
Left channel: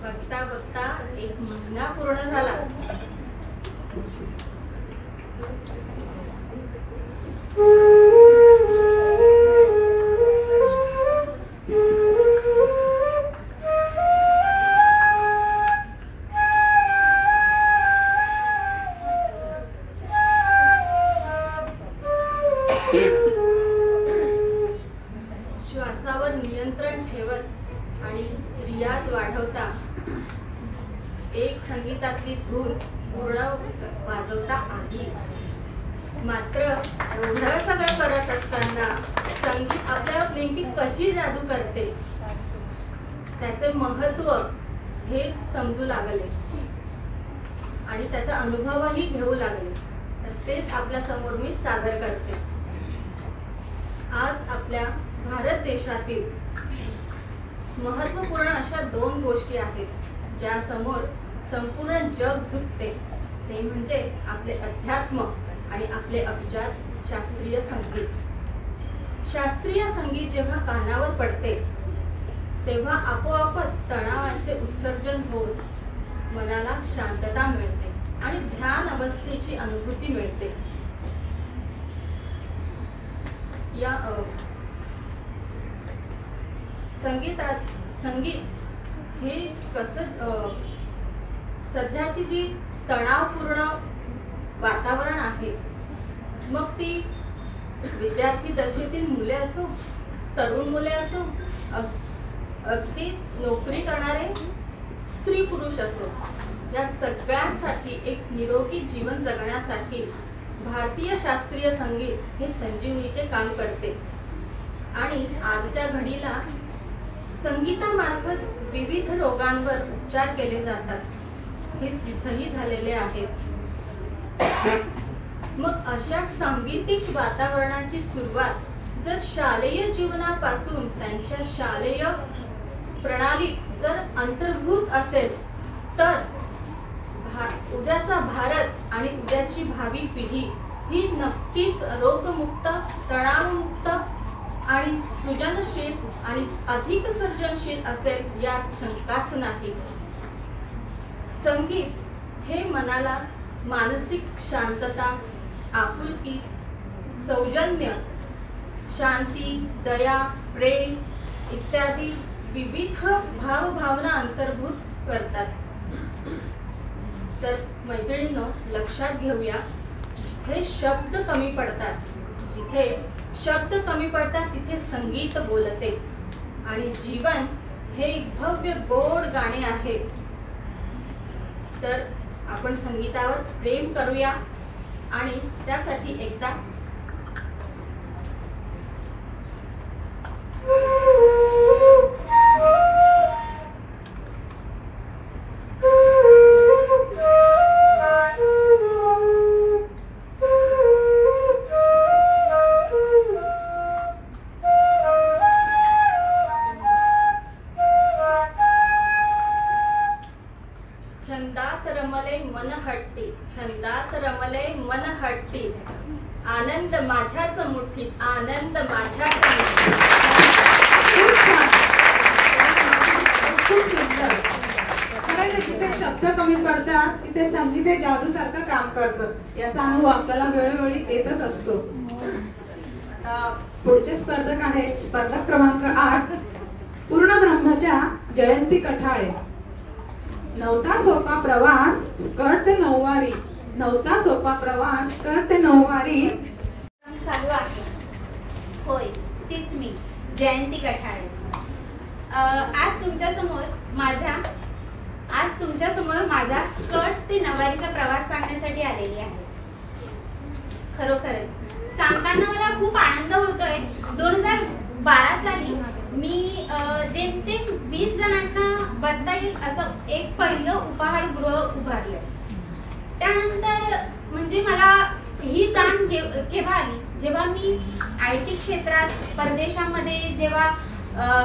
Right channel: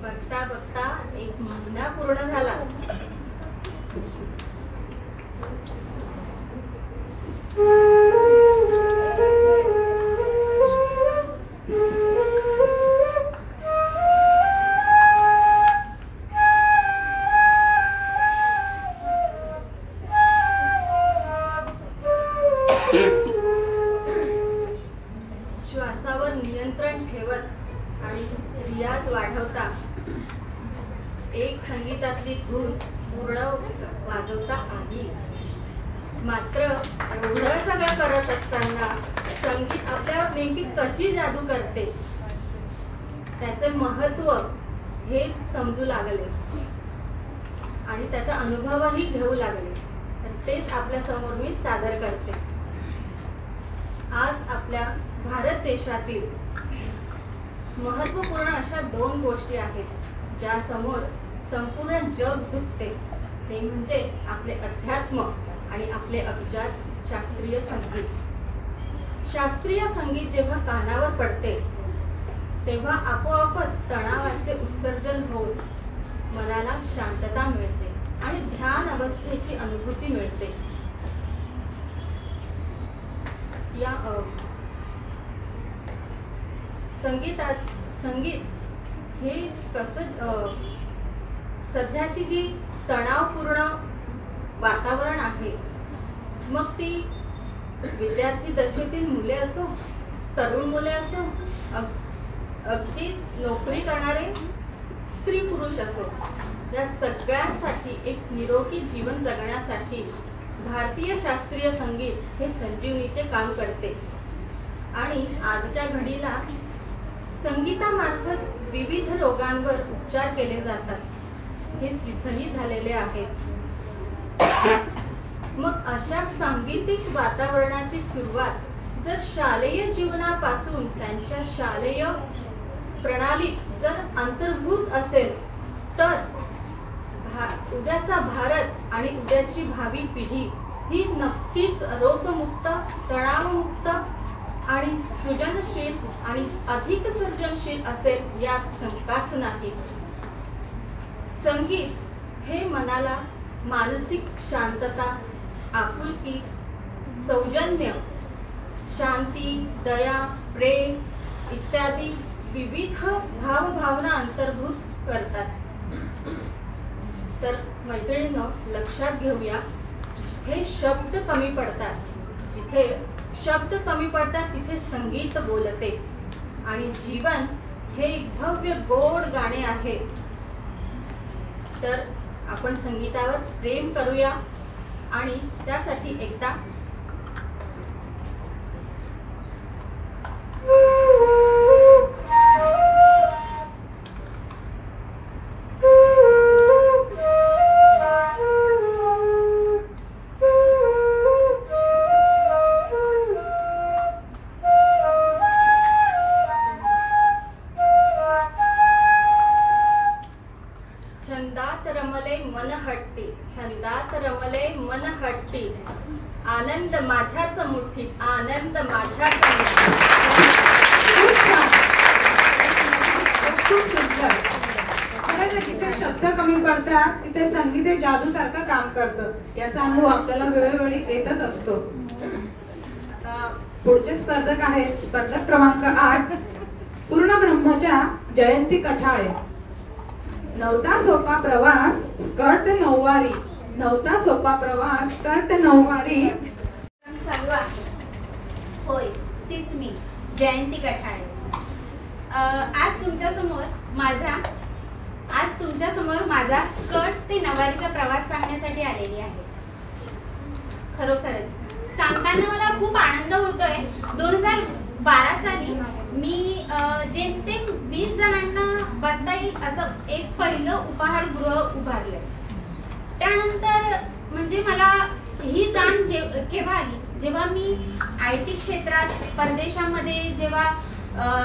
बघता बघता एक महिना पूर्ण झाला. श्वासावर नियंत्रण ठेवत आणि रियाज वाढवता एक संगीतातली धून पूर्ण वाजवता आली. मात्र एवढं सगळं करत असताना संगीत आपल्यावर नेमकी कशी जादू करते त्याचे महत्व हे समजू लागले आणि त्याचा अनुभवही घेऊ लागले. तर तेच आपल्या समोर मी सादर करते. आज आपल्या भारत देशातील महत्वपूर्ण अशा दोन गोष्टी आहेत ज्या समोर संपूर्ण जग झुकते. ते म्हणजे आपले अध्यात्म आणि आपले अभिजात शास्त्रीय संगीत. शास्त्रीय संगीत जेव्हा कानावर पडते तेव्हा आपोआपच तणावाचे उत्सर्जन होऊन मनाला शांतता मिळते आणि ध्यान अवस्थेची अनुभूती मिळते. या संगीत हे कसं सध्याची जी तणावपूर्ण वातावरण आहे, मग ती विद्यार्थी दशेतील मुले असो, तरुण मुले असो, अगदी नोकरी करणारे स्त्री पुरुष असो, या सगळ्यांसाठी एक निरोगी जीवन जगण्यासाठी भारतीय शास्त्रीय संगीत हे संजीवनीचे काम करते. आणि आजच्या घडीला संगीतामार्फत विविध रोगांवर उपचार केले जातात हे सिद्धही झालेले आहे. मग अशा सांगीतिक वातावरणाची सुरुवात जर शालेय जीवनापासून त्यांच्या शालेय प्रणालीत जर अंतर्भूत असेल तर उद्याचा भारत आणि उद्याची भावी पिढी ही नक्कीच रोगमुक्त, तणावमुक्त आणि सृजनशील आणि अधिक सर्जनशील असेल यात शंकाच नाही. संगीत हे मनाला मानसिक शांतता, आपुलकी, सौजन्य, शांती, दया, प्रेम इत्यादी विविध भावभावना अंतर्भूत करतात. तर मैत्रिणींनो, लक्षात घेऊया, जिथे शब्द कमी पडतात, जिथे शब्द कमी पडतात तिथे संगीत बोलते. आणि जीवन हे भव्य गोड गाणे आहे. तर आपण संगीतावर प्रेम करूया आणि त्यासाठी एकदा छंदात रमले मन हट्टी, आनंद माझ्याच मुठीत, आनंद माझ्याच मुठीत. खूप सुंदर. खरं जिथे शब्द कमी पडतात तिथे संगीत हे जादू सारखं काम करतं. याचा अनुभव आपल्याला वेळोवेळी येतच असतो. आता पुढचे स्पर्धक आहेत स्पर्धक क्रमांक 8 पूर्ण ब्रह्मच्या जयंती कठाळे. नवता सोपा प्रवास स्कर्ट ते नऊवारी, नवता सोपा प्रवास स्कर्ट ते नऊवारी चालू आहे. होय, तीच मी जयंती कठाळे. आज तुमच्यासमोर माझा स्कर्ट ते नऊवारीचा प्रवास सांगण्यासाठी आलेली आहे. खरोखरच सांगताना मला खूप आनंद होतोय. 2012 साली मी जेमतेम 20 जणांना बसता येईल असं एक पहिलं उपहारगृह उभारलंय. त्यानंतर म्हणजे मला ही जाण केव्हा आली, जेव्हा मी IT क्षेत्रात परदेशामध्ये जेव्हा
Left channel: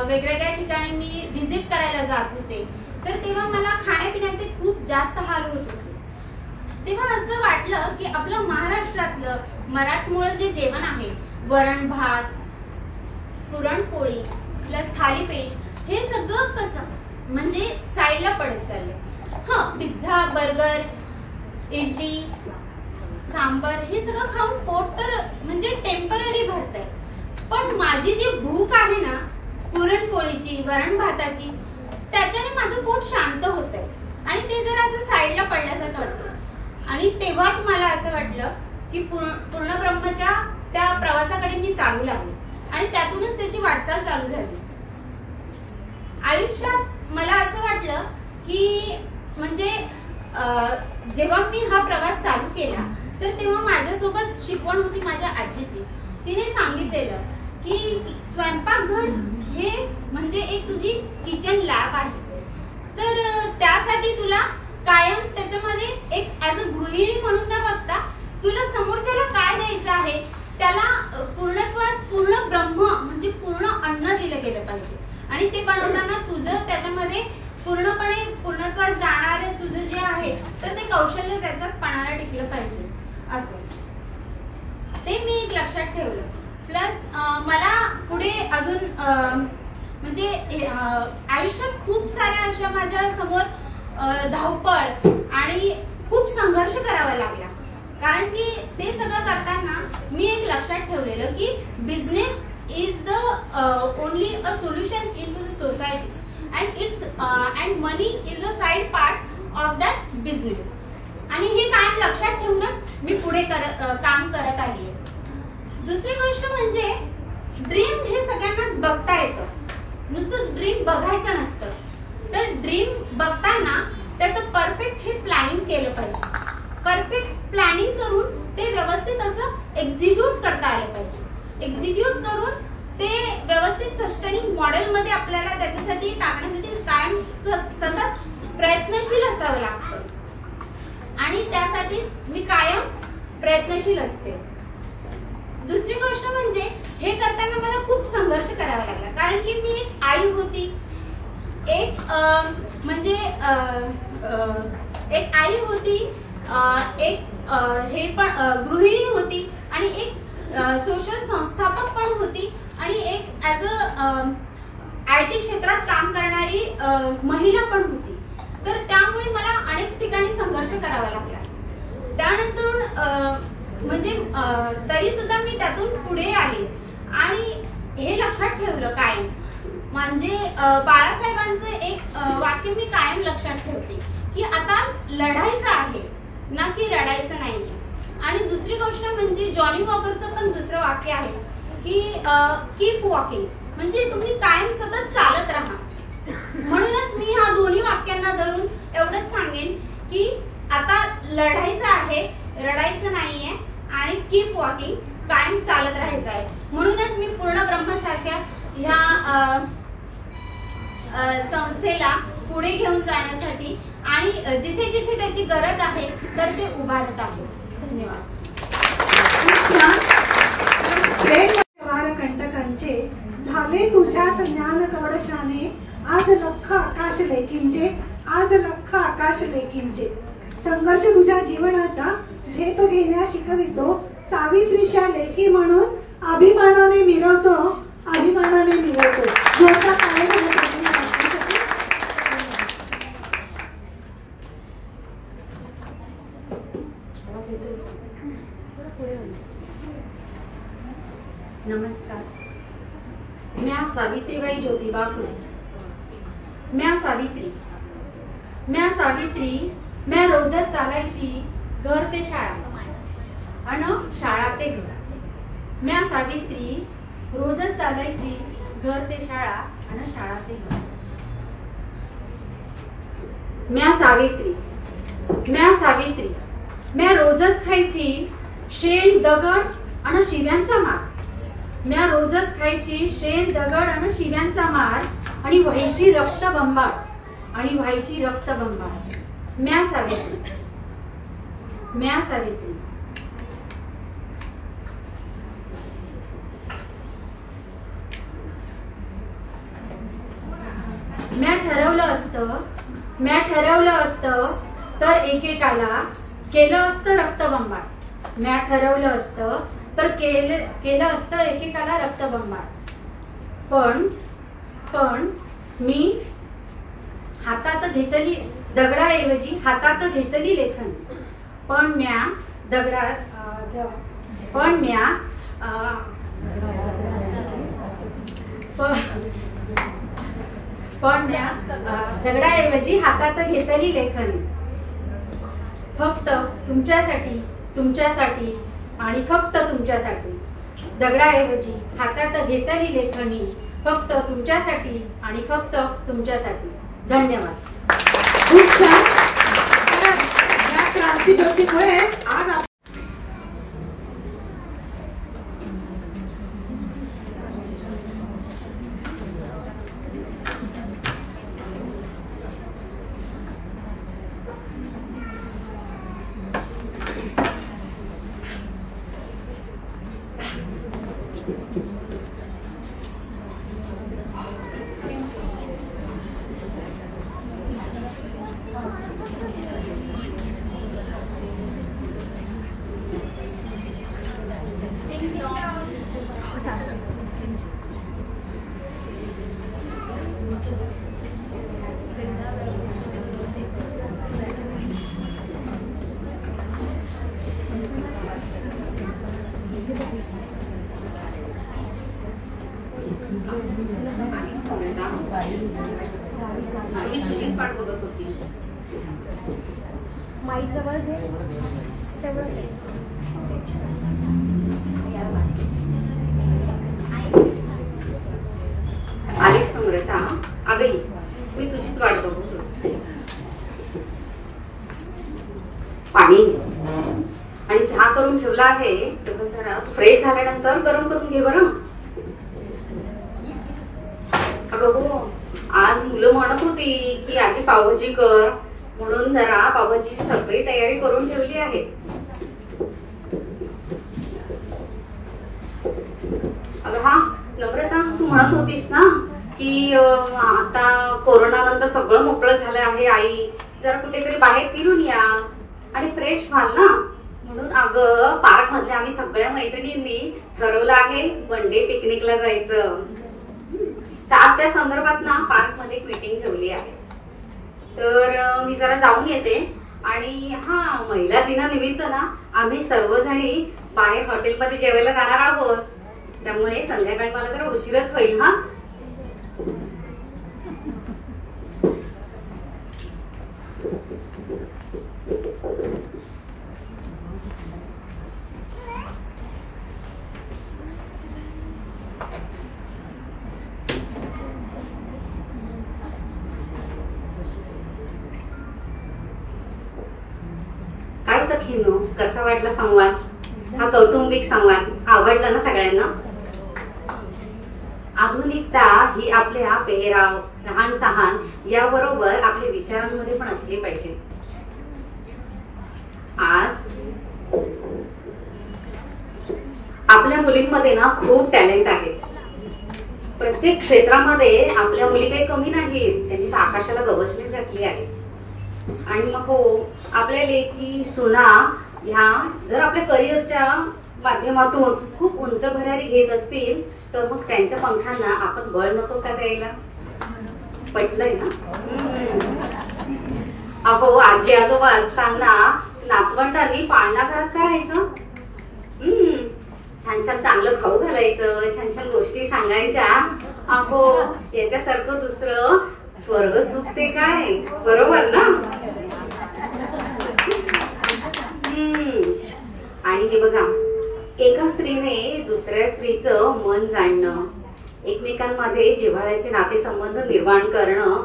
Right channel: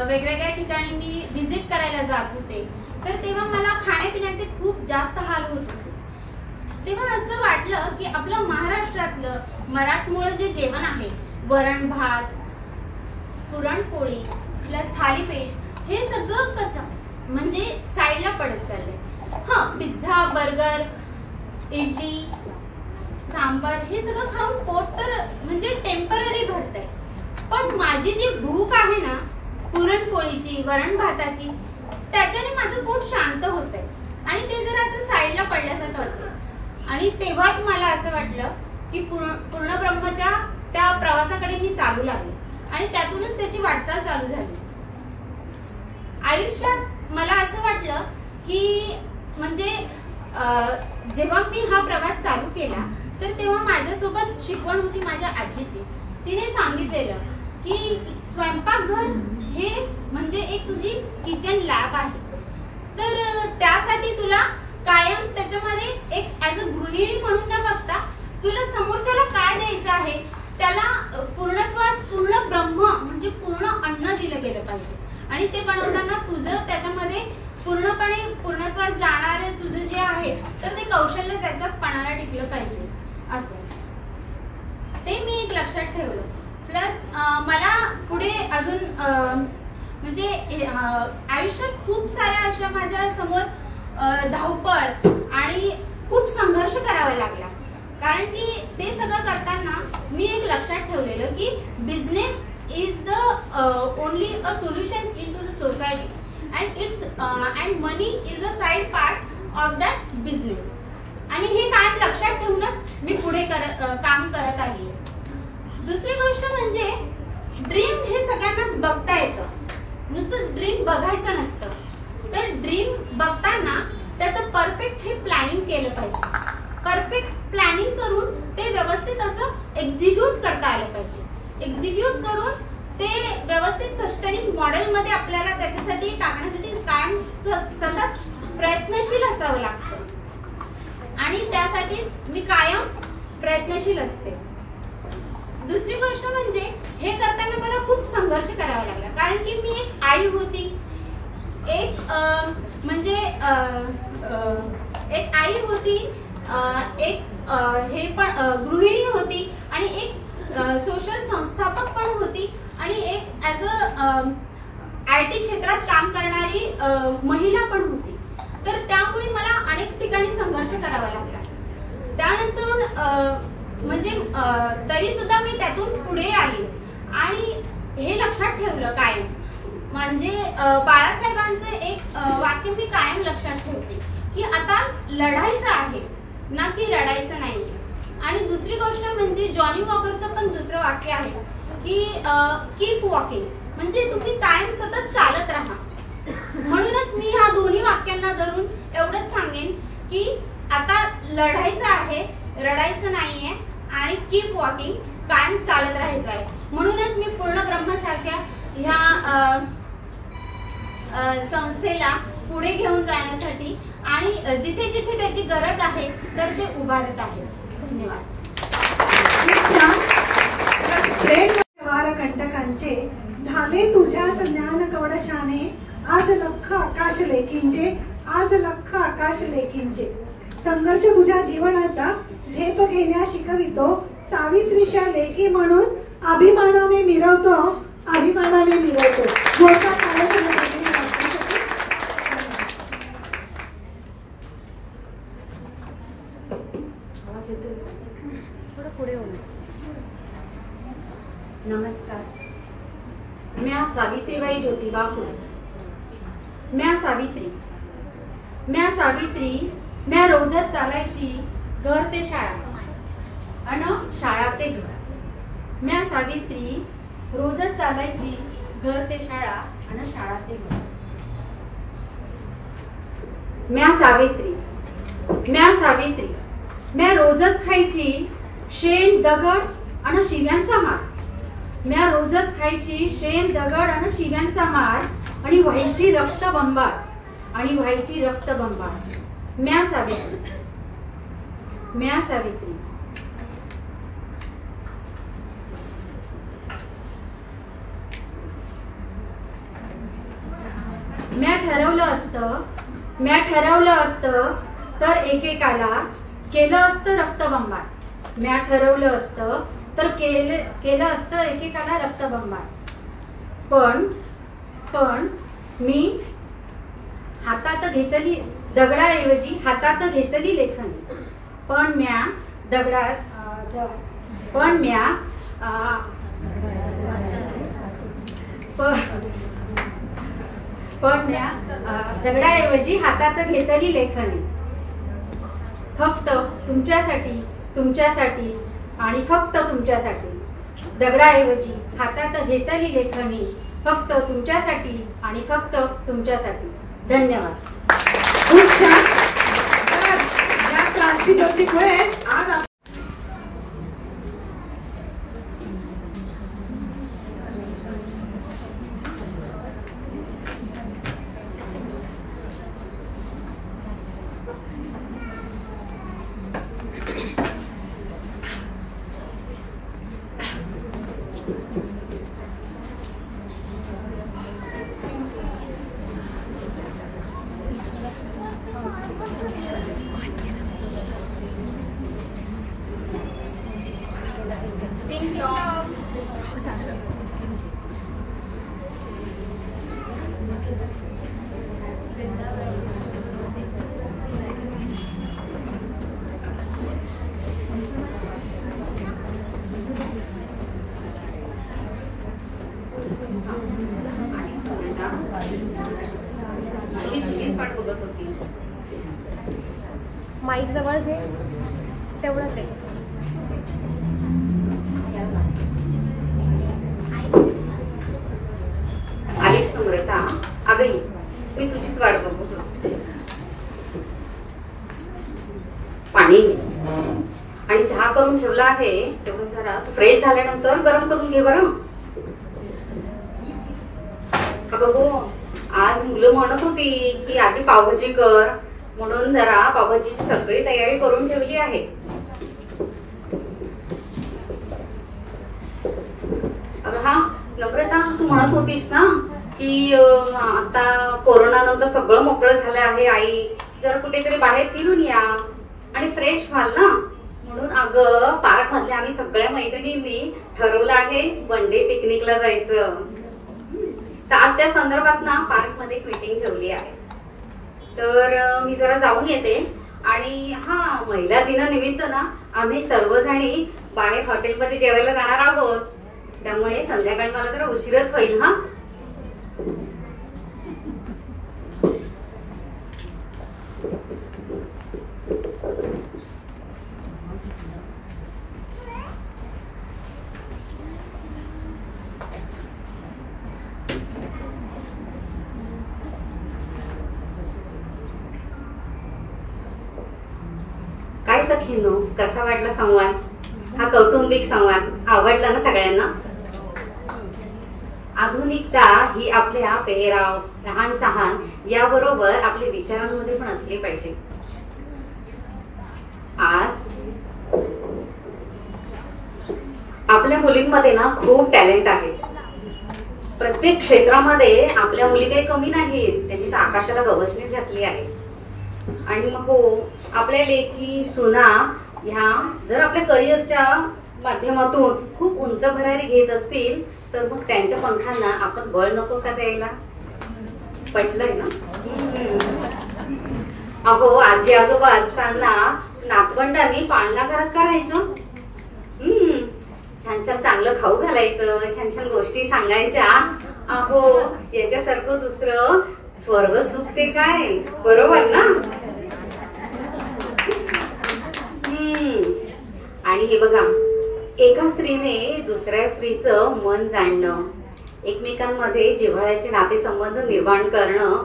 वेगवेगळ्या ठिकाणी मी व्हिजिट करायला जात होते, तर तेव्हा मला खाण्यापिण्याचे खूप जास्त हाल होत होते. तेव्हा असं वाटलं की आपलं महाराष्ट्रातलं मराठमोळं जे जेवण आहे, वरण भात, पुरणपोळी प्लस थालीपीठ, हे सगळं कसं म्हणजे साईडला पडत चाललंय. पिझ्झा, बर्गर, इडली, सांबर हे सगळं खाऊन पोट तर म्हणजे टेम्पररी भरतंय, पण माझी जी भूक आहे ना पुरणपोळीची, वरण भाताची, त्याच्याने माझं पोट शांत होतंय आणि ते जरा असं साईडला पडल्यासारखं वाटतं. आणि तेव्हाच मला असं वाटलं की पूर्ण ब्रह्मच्या त्या प्रवासाकडे मी चालू लागले आणि त्यातूनच त्याची वाटचाल चालू झाली. आयुष्यात मला असं वाटलं की म्हणजे जेव्हा मी हा प्रवास चालू केला तर तेव्हा माझ्यासोबत शिकवण होती माझ्या आजीची. तिने सांगितलेलं की स्वयंपाकघर हे म्हणजे एक तुझी किचन लॅब आहे, तर त्यासाठी तुला कायम त्याच्यामध्ये एक ॲज अ गृहिणी म्हणून न बघता तुला समोरच्याला काय द्यायचं आहे, त्याला पूर्णत्वास पूर्ण ब्रह्म म्हणजे पूर्ण अन्न दिलं गेलं पाहिजे आणि ते बनवताना तुझं त्याच्यामध्ये पूर्णपणे पूर्णत्वास जाणारे तुझं जे आहे तर ते कौशल्य त्याच्यात पणाला टिकलं पाहिजे. असं ते मी एक लक्षात ठेवलं. प्लस मला पुढे अजून म्हणजे आयुष्यात खूप साऱ्या अशा माझ्या समोर धावपळ आणि खूप संघर्ष करावा लागला, कारण की ते सगळं करताना मी एक लक्षात ठेवलेलं की business is the only a solution in to the society and money is a side part of that business. आणि हे काम लक्षात ठेवूनच मी पुढे काम करत आली. दुसरी गोष्ट म्हणजे ड्रीम हे सगळ्यांनाच बघता येतं, नुसतंच ड्रीम बघायचं नसतं. तर ड्रीम बघताना त्याचं परफेक्ट हे प्लॅनिंग केलं पाहिजे. परफेक्ट प्लॅनिंग करून ते व्यवस्थित असं एक्झिक्यूट करता आलं पाहिजे. एक्झिक्यूट करून ते व्यवस्थित सस्टेनिंग मॉडेलमध्ये आपल्याला त्याच्यासाठी टाकण्यासाठी कायम सतत प्रयत्नशील असावं लागतं आणि त्यासाठी मी कायम प्रयत्नशील असते. दुसरी गोष्ट म्हणजे हे करताना मला खूप संघर्ष करावा लागला, कारण की मी एक आई होती, एक म्हणजे एक आई होती, एक हे पण गृहिणी होती आणि एक सोशल संस्थापक पण होती आणि एक ॲज अ IT क्षेत्रात काम करणारी महिला पण होती. तर त्यामुळे मला अनेक ठिकाणी संघर्ष करावा लागला. त्यानंतर म्हणजे तरी सुद्धा मी त्यातून पुढे आले आणि हे लक्षात ठेवलं कायम. म्हणजे बाळासाहेबांचं एक वाक्य मी कायम लक्षात ठेवते की आता लढायचं आहे ना की रडायचं नाहीये. आणि दुसरी गोष्ट म्हणजे जॉनी वॉकरचं पण दुसरं वाक्य आहे की कीप वॉकिंग, म्हणजे तुम्ही कायम सतत चालत राहा. म्हणूनच मी ह्या दोन्ही वाक्यांना धरून एवढंच सांगेन की आता लढायचं आहे, रडायचं नाहीये आणि कीप वॉकिंग, कायम चालत राहायचं आहे. म्हणूनच मी पूर्ण ब्रह्मसारख्या ह्या संस्थेला पुढे घेऊन जाण्यासाठी आणि जिथे जिथे त्याची गरज आहे तर ते उभारत आहे. धन्यवाद. कंटकांचे झाले तुझ्याच ज्ञान कवडशाने, आज लख आकाश लेकींचे, आज लख आकाश लेकींचे. संघर्ष तुझ्या जीवनाचा झेप घेण्या शिकवितो, सावित्रीच्या लेखी म्हणून अभिमानाने मिरवतो, अभिमानाने मिरवतो. मोठा नमस्कार. म्या सावित्रीबाई ज्योतिबा फुले. म्या सावित्री म्या रोजच चालायची घर ते शाळा अन शाळा ते घर. म्या सावित्री रोजच चालायची घर ते शाळा अन शाळा ते घर. म्या सावित्री म्या रोजच खायची शेण दगड अन शिव्यांचा मार. म्या रोजच खायची शेण दगड आणि शिव्यांचा मार आणि व्हायची रक्तबंबाळ. म्या सावित्री म्या ठरवलं असतं तर एकेकाला केलं असतं रक्तबंबाळ. म्या ठरवलं असतं तर केलं असतं एकेकाला रक्तबंबाळ. पण मी हातात घेतली दगडाऐवजी हातात घेतली लेखनी. पण म्या दगडाऐवजी हातात घेतली लेखनी. फक्त तुमच्यासाठी आणि फक्त तुमच्यासाठी. दगडाऐवजी हातात घेतली लेखनी, फक्त तुमच्यासाठी आणि फक्त तुमच्यासाठी. धन्यवाद. खूप छान. क्रांती ज्योती फुले आज तुझीच पाठ बघत होती. माईक जवळ घे तेवढंच आहे. अगं ये, मी तुझीच वाट बघू. पाणी आणि चहा करून ठेवला आहे, तेवढं जरा फ्रेश झाल्यानंतर गरम करून घे बरं. अगं हो, आज मुलं म्हणत होती की आजी पावभाजी कर, म्हणून जरा पावभाजीची सगळी तयारी करून ठेवली आहे. अगं हा नम्रता, तू म्हणत होतीस ना की आता कोरोना नंतर सगळं मोकळं झालं आहे, आई जरा कुठेतरी बाहेर फिरून या आणि फ्रेश व्हाल ना, म्हणून अगं पार्क मधले आम्ही सगळ्या मैत्रिणींनी ठरवलं आहे वन डे पिकनिकला जायचं. तर आज त्या संदर्भात ना पार्क मध्ये एक मीटिंग ठेवली आहे, तर मी जरा जाऊन येते. आणि हा, महिला दिनानिमित्त ना आम्ही सर्वजणी बाहेर हॉटेलमध्ये जेवायला जाणार आहोत, त्यामुळे संध्याकाळी मला जरा उशीरच होईल. हा काय सखीनो, कसा वाटला संवाद? हा कौटुंबिक संवाद आवडला ना सगळ्यांना? आधुनिकता ही आपल्या पेहराव, लहान सहान याबरोबर आपल्या विचारांमध्ये पण असली पाहिजे. आज आपल्या मुलींमध्ये ना खूप टॅलेंट आहे. प्रत्येक क्षेत्रामध्ये आपल्या मुली काही कमी नाहीत, त्यांनी तर आकाशाला गवसणी घातली आहे. आणि मग हो, आपल्या लेकी सुना ह्या जर आपल्या करिअरच्या माध्यमातून खूप उंच भरारी घेत असतील तर मग त्यांच्या पंखांना आपण बळ नको का द्यायला? पटलंय ना? अहो, आजी आजोबा असताना नातवंडांनी पाळणा घरात करायचं, छान छान चांगलं खाऊ घालायचं, छान छान गोष्टी सांगायच्या. अहो, याच्यासारखं दुसरं स्वर्ग सुख ते काय, बरोबर ना? आणि हे बघा, एका स्त्रीने दुसऱ्या स्त्रीचं मन जाणणं, एकमेकांमध्ये जिव्हाळ्याचे नातेसंबंध निर्माण करणं,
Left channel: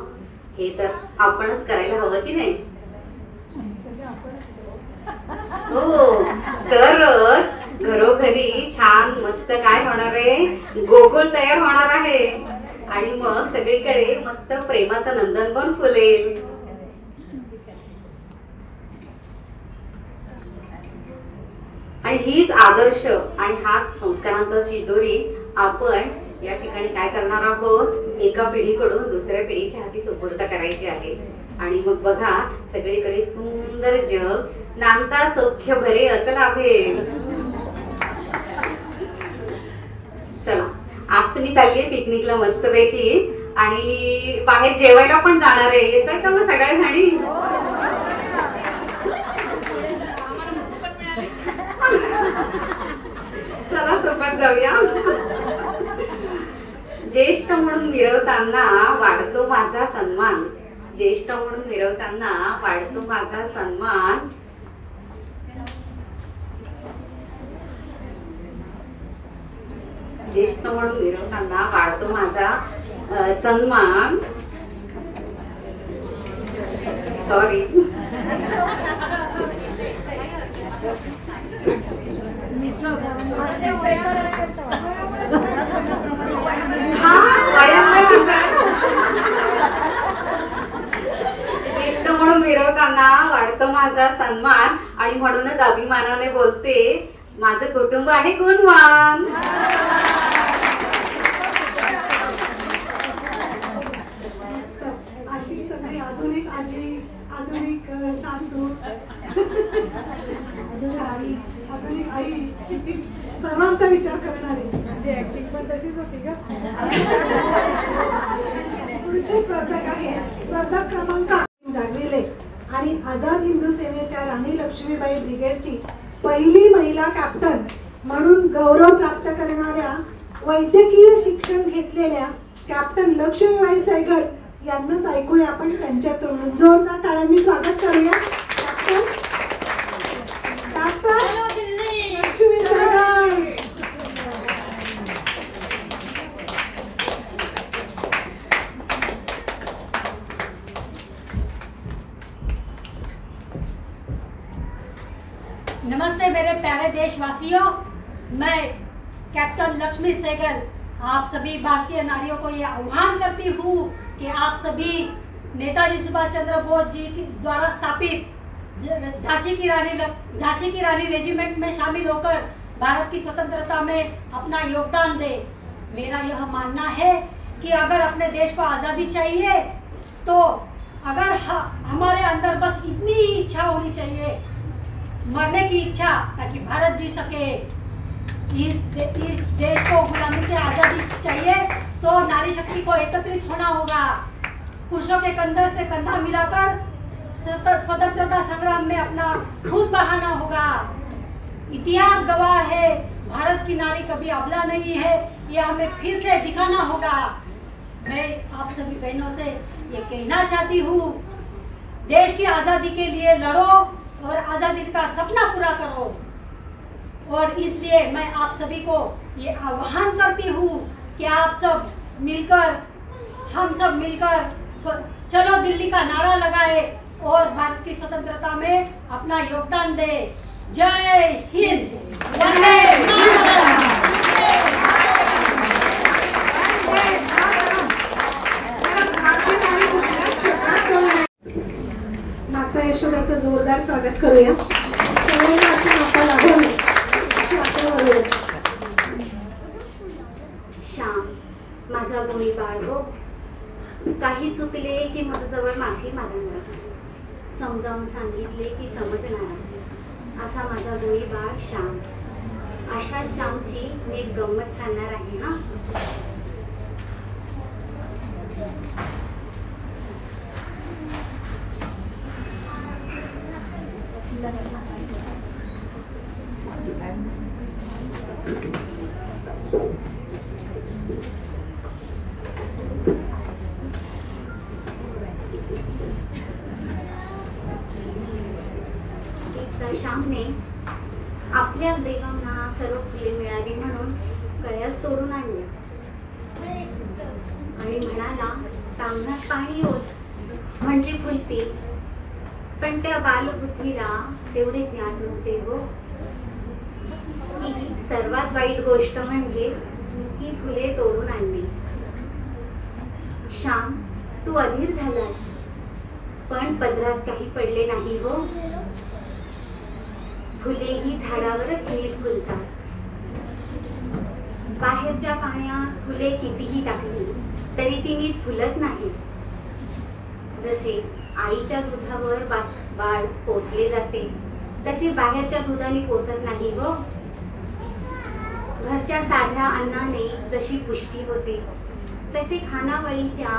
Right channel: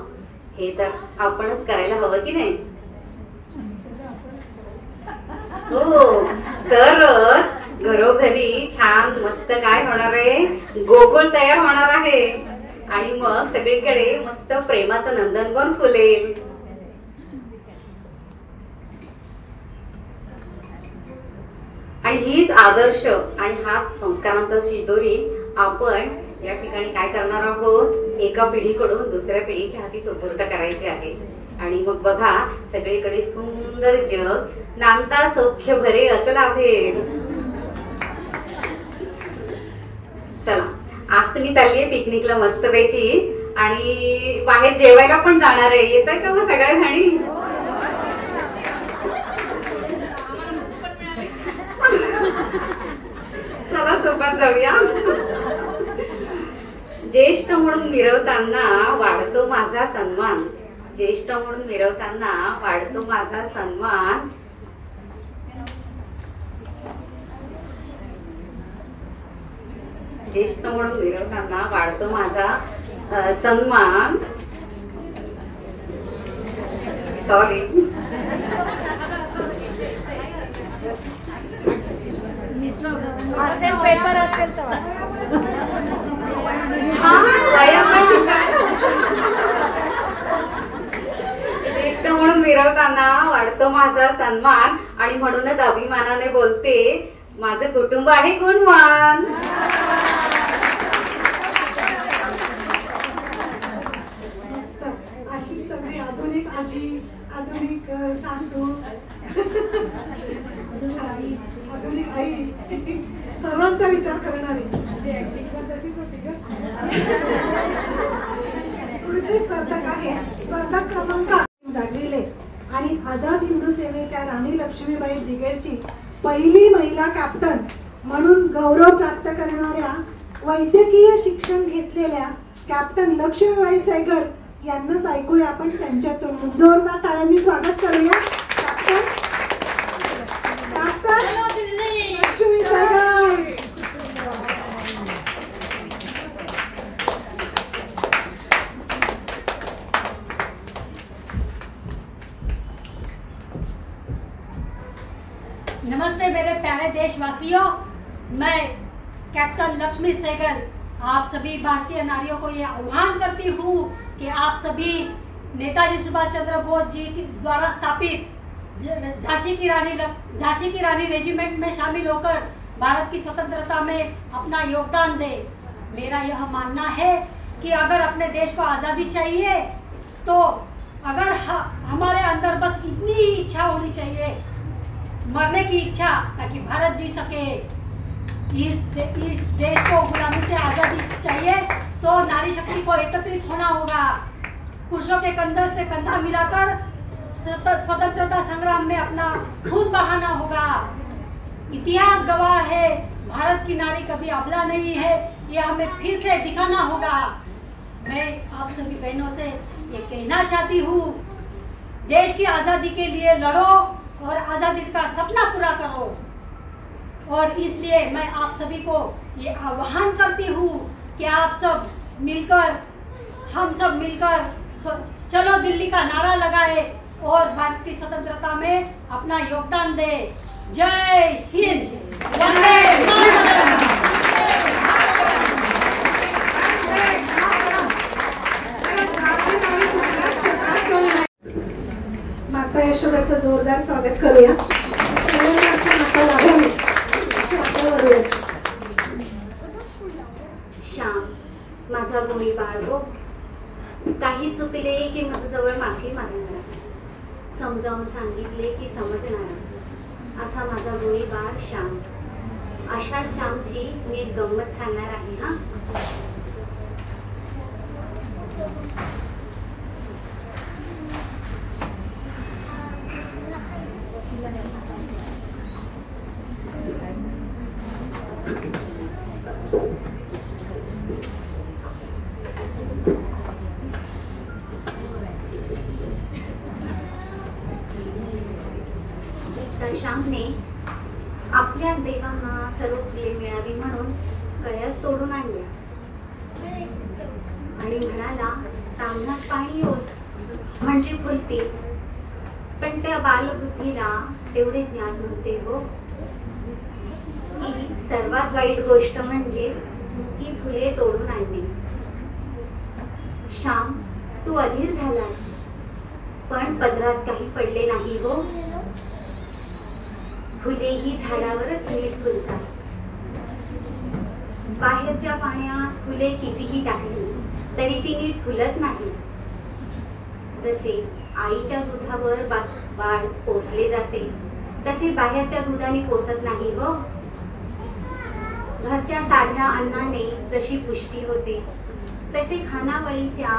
हे तर आपणच करायला हवं की नाही? हो, तरच घरोघरी छान मस्त काय होणार आहे, गोकुळ तयार होणार आहे. आणि मग सगळीकडे मस्त प्रेमाचं नंदनवन फुलेल. आणि हीच आदर्श आणि हाच संस्कारांचा शिदोरी आपण या ठिकाणी काय करणार आहोत, एका पिढीकडून दुसऱ्या पिढीच्या हाती सुपूर्द करायची आहे. आणि मग बघा, सगळीकडे सुंदर जग नांदा सौख्य भरे असं लाभेल. चला, आज तुम्ही चाललीये पिकनिकला मस्तपैकी, आणि बाहेर जेवायला पण जाणार आहे. येतोय का मग सगळ्या जणी? चला सोबत जाऊया. ज्येष्ठ म्हणून मिरवताना वाढतो माझा सन्मान, ज्येष्ठ म्हणून मिरवताना वाढतो माझा सन्मान. ज्येष्ठ म्हणून मिरवताना वाढतो माझा सन्मान. सॉरी, ज्येष्ठ म्हणून मिरवताना वाढतो माझा सन्मान, आणि म्हणूनच अभिमानाने बोलते, माझं कुटुंब आहे गुणवान. अशी सगळी आधुनिक आजी, आधुनिक सासू, आधुनिक आई, सर्वांचा विचार करणारी पुढचे स्पर्धक आहे. स्पर्धक क्रमांक जागविले आणि आझाद हिंदू सेनेच्या राणी लक्ष्मीबाई ब्रिगेडची पहिली महिला कॅप्टन म्हणून गौरव प्राप्त करणाऱ्या, वैद्यकीय शिक्षण घेतलेल्या कॅप्टन लक्ष्मीबाई सैगल यांनाच ऐकूया आपण त्यांच्याकडून. जोरदार टाळ्यांनी स्वागत करूया. कॅप्टन लक्ष्मी सैगल. नमस्ते मेरे प्यारे देशवासियों, मैं कैप्टन लक्ष्मी सहगल आप सभी भारतीय नारियों को ये आह्वान करती हूँ कि आप सभी नेताजी सुभाष चंद्र बोस जी द्वारा स्थापित झांसी की रानी रेजिमेंट में शामिल होकर भारत की स्वतंत्रता में अपना योगदान दें। मेरा यह मानना है कि अगर अपने देश को आज़ादी चाहिए तो अगर हमारे अंदर बस इतनी ही इच्छा होनी चाहिए, मरने की इच्छा, ताकि भारत जी सके, इस देश को गुलामी से आज़ादी चाहिए तो नारी शक्ति को एकत्रित होना होगा। पुरुषों के कंधे से कंधा मिलाकर स्वतंत्रता संग्राम में अपना खून बहाना होगा। इतिहास गवाह है, भारत की नारी कभी अबला नहीं है, यह हमें फिर से दिखाना होगा। मैं आप सभी बहनों से ये कहना चाहती हूँ, देश की आज़ादी के लिए लड़ो और आज़ादी का सपना पूरा करो। और इसलिए मैं आप सभी को ये आह्वान करती हूँ कि आप सब मिलकर, हम सब मिलकर चलो दिल्ली का नारा लगाए और भारत की स्वतंत्रता में अपना योगदान दे। जय हिंद, वंदे मातरम। माता यशोदाचं जोरदार स्वागत करूया। श्याम, माझा गुणी बाळगो, काही चुकले की माझ्याजवळ माफी मागणार, समजावून सांगितले की समजणार, असा माझा गुणी बाळ श्याम। अशा श्यामची मी एक गंमत सांगणार आहे हा। श्यामने आपल्या देवांना सर्व फुले मिळावी म्हणून गळ्यास तोडून आणल्या आणि म्हणाला, तांबण्यात पाणी होत म्हणजे फुलतील, पण त्या बालबुद्धीला तेवढे ज्ञान नव्हते हो की सर्वात वाईट गोष्ट म्हणजे ही फुले तोडून आणली। श्याम, तू अधीर झालास, पण पदरात काही पडले नाही हो। फुले ही झाडावरच नीट फुलतात। बाहेरच्या पाण्यात फुले कितीही टाकली तरी ती नीट फुलत नाही। जसे आईच्या दुधावर बाळ पोसले जाते तसे बाहेरच्या दुधाने पोसत नाही हो। घरच्या साध्या अन्नाने जशी पुष्टी होते तसे खानावळीच्या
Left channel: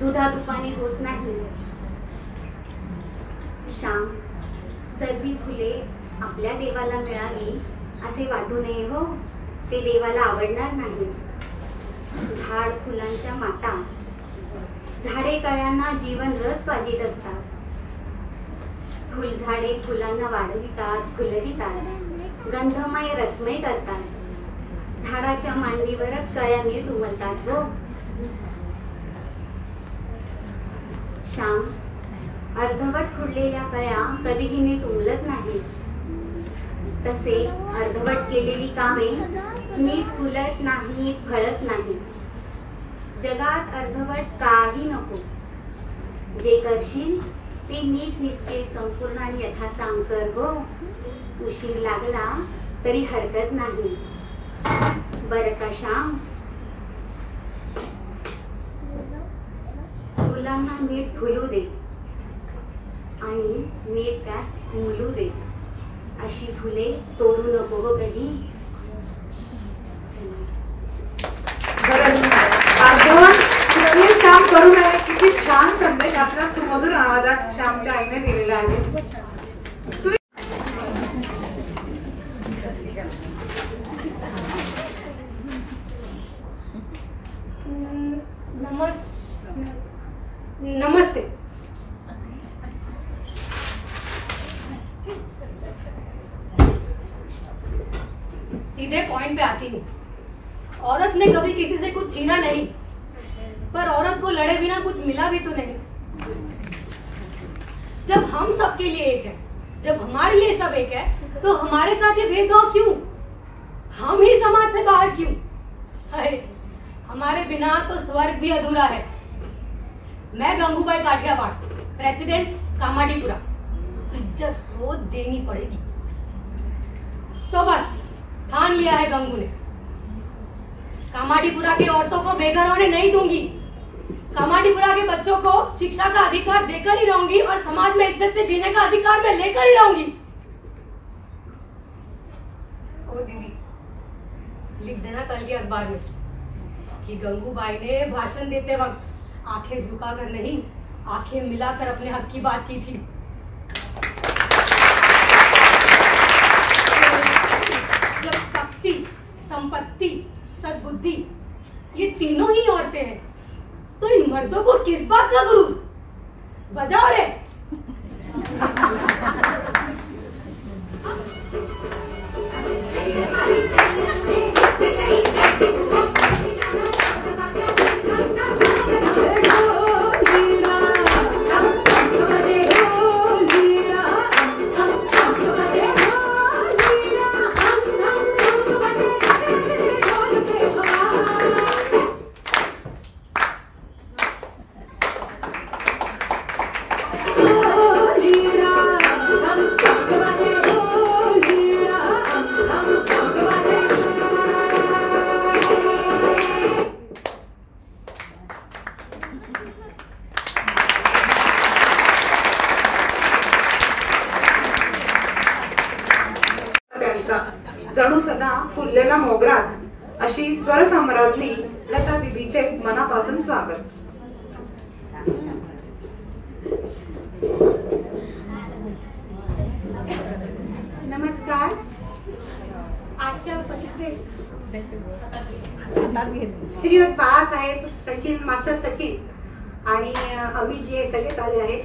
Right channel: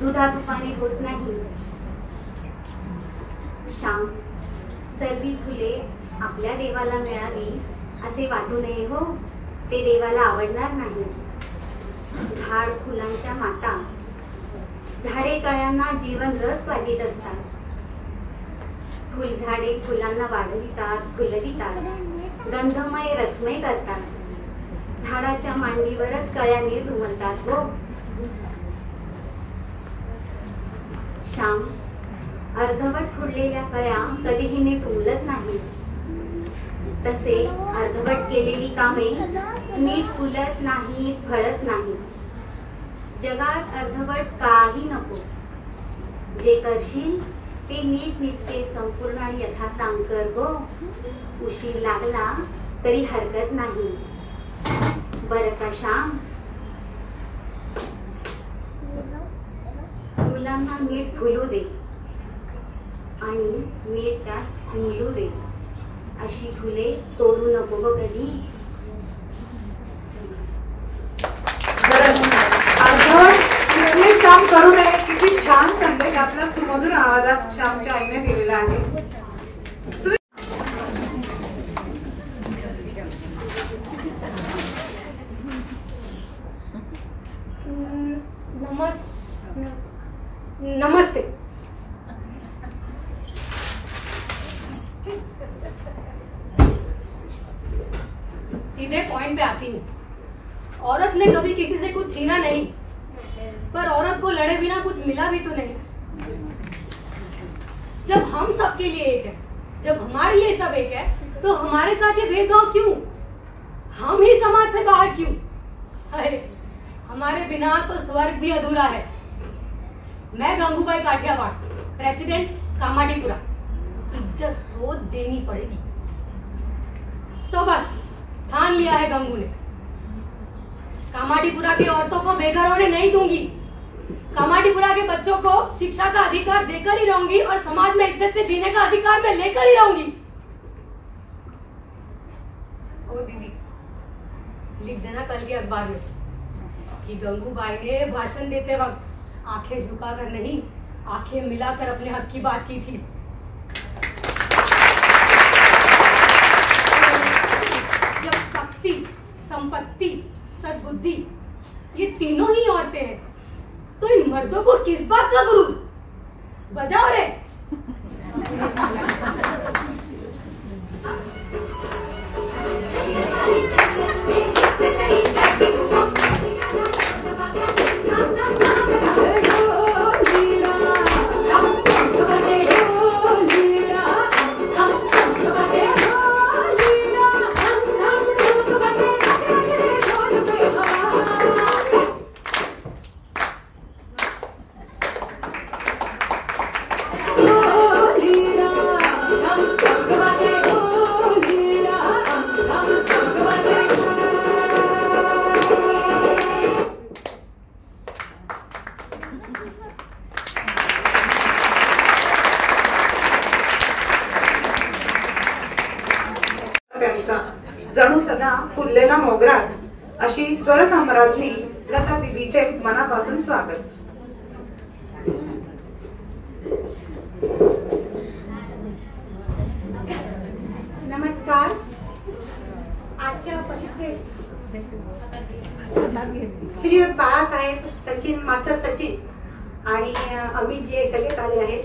दुधातुपाने होत नाही। श्याम, सर्वी फुले आपल्या देवाला मिळावी असे वाटू नये हो, ते देवाला आवडणार नाही। झाड फुलांच्या माता, झाडे कळ्यांना जीवन रस पाजित असतात। फुलझाडे फुलांना वाढवितात, फुलवितात, गंधमय रसमय करतात। झाडाच्या मांडीवरच कळ्या नीट उमलतात हो। श्याम, अर्धवट फुललेल्या कळ्या कधीही नीट उमलत नाही, तसे अर्धवट केलेली कामे नीट फुलत नाही, फळत नाही। जगात अर्धवट काही नको, जे करशील ते नीट नित्य संपूर्ण आणि यथासांग कर हो। उशीर लागला तरी हरकत नाही, बरं का श्याम? फुलांना नीट फुलू दे आणि नीट त्यात उमलू दे, अशी फुले तोडू नको हो कधी। काम करू नये, किती छान संदेश आपल्या सुमधुर आवाजात श्यामच्या आईने दिलेला आहे। नमस्ते। सीधे पॉइंट पे आती हूँ। औरत ने कभी किसी से कुछ छीना नहीं, पर औरत को लड़े बिना कुछ मिला भी तो नहीं। जब हम सबके लिए एक है, जब हमारे लिए सब एक है, तो हमारे साथ ये भेदभाव क्यों? हम ही समाज से बाहर क्यों? अरे हमारे बिना तो स्वर्ग भी अधूरा है। मैं गंगूबाई काठियावाड़, प्रेसिडेंट कामाडीपुरा। इज्जत तो देनी पड़ेगी। तो बस ठान लिया है गंगू ने, कामाडीपुरा की औरतों को बेघर होने नहीं दूंगी। कामाडीपुरा के बच्चों को शिक्षा का अधिकार देकर ही रहूंगी और समाज में इज्जत से जीने का अधिकार मैं लेकर ही रहूंगी। ओ दीदी, लिख देना कल के अखबार में कि गंगूबाई ने भाषण देते वक्त आंखें झुकाकर नहीं, आंखें मिलाकर अपने हक की बात की थी। जब शक्ति, संपत्ति, सद्बुद्धि ये तीनों ही औरतें हैं, तो इन मर्दों को किस बात का गुरूर? बजाओ रे। जणू सदा फुललेला मोगराच अशी स्वरसम्राज्ञी लता दिदीचे मनापासून स्वागत. नमस्कार. आजच्या परिषदेत श्रीयुत बाळासाहेब, सचिन मास्टर सचिन आणि अमित जे सगळे आले आहेत.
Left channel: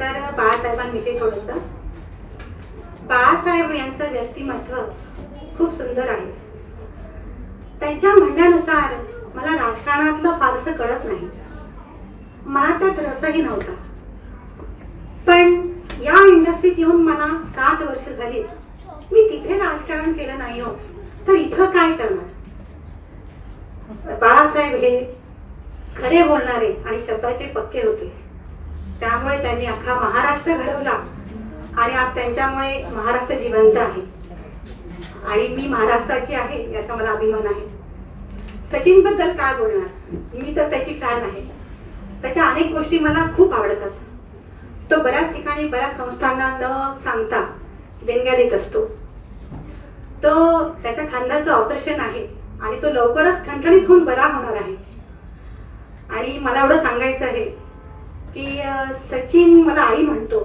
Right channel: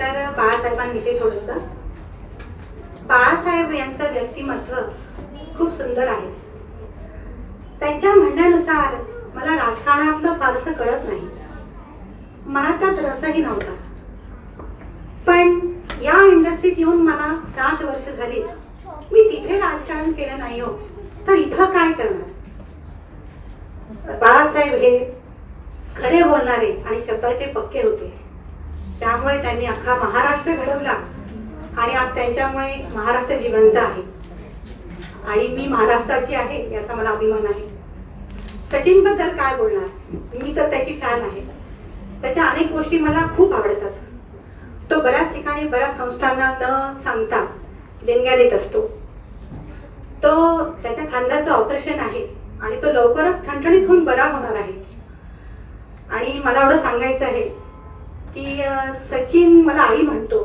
तर बाळासाहेबांविषयी थोडंसं. बाळासाहेब यांचं व्यक्तिमत्व खूप सुंदर आहे. त्यांच्या म्हणण्यानुसार मला राजकारणातलं फारसं कळत नाही, मला त्यात रसही नव्हता. पण या इंडस्ट्रीत येऊन मला 7 वर्ष झाली. मी तिथे राजकारण केलं नाही हो, तर इथं काय करणार. बाळासाहेब हे खरे बोलणारे आणि शब्दाचे पक्के होते. त्यामुळे त्यांनी अख्खा महाराष्ट्र घडवला आणि आज त्यांच्यामुळे महाराष्ट्र जिवंत आहे आणि मी महाराष्ट्राची आहे याचा मला अभिमान आहे. सचिन बद्दल काय बोलणार, मी तर त्याची फॅन आहे. त्याच्या अनेक गोष्टी मला खूप आवडतात. तो बऱ्याच ठिकाणी बऱ्याच संस्थांना न सांगता देणग्या देत असतो. तो त्याच्या खांद्याचं ऑपरेशन आहे आणि तो लवकरच ठणठणीत होऊन बरा होणार आहे. आणि मला एवढं सांगायचं आहे की सचिन मला आई म्हणतो,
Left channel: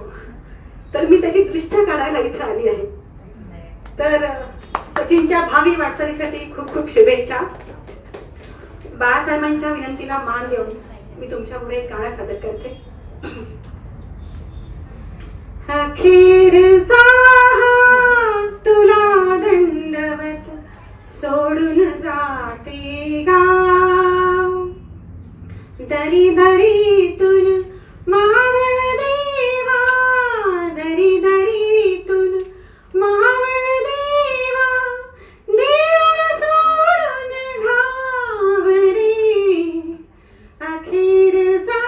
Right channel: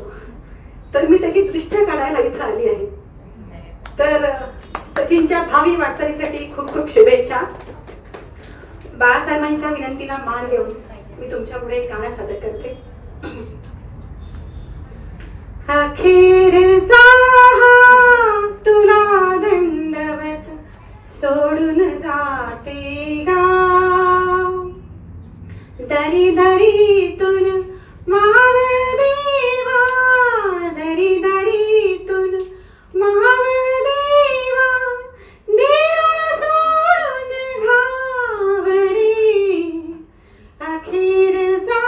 तर मी त्याची दृष्ट काढायला इथं आली आहे. तर सचिनच्या भावी वाटचालीसाठी खूप खूप शुभेच्छा. बाळासाहेबांच्या विनंतीला मान देऊन मी तुमच्या पुढे एक गाणं सादर करते. अखेरचा तुला दंडवत सोडून जाते गाव, दरी दरीतून मावळ देवा, दरी दरीतून मावळ देवा, देव सोडून घावरे. अखेरचा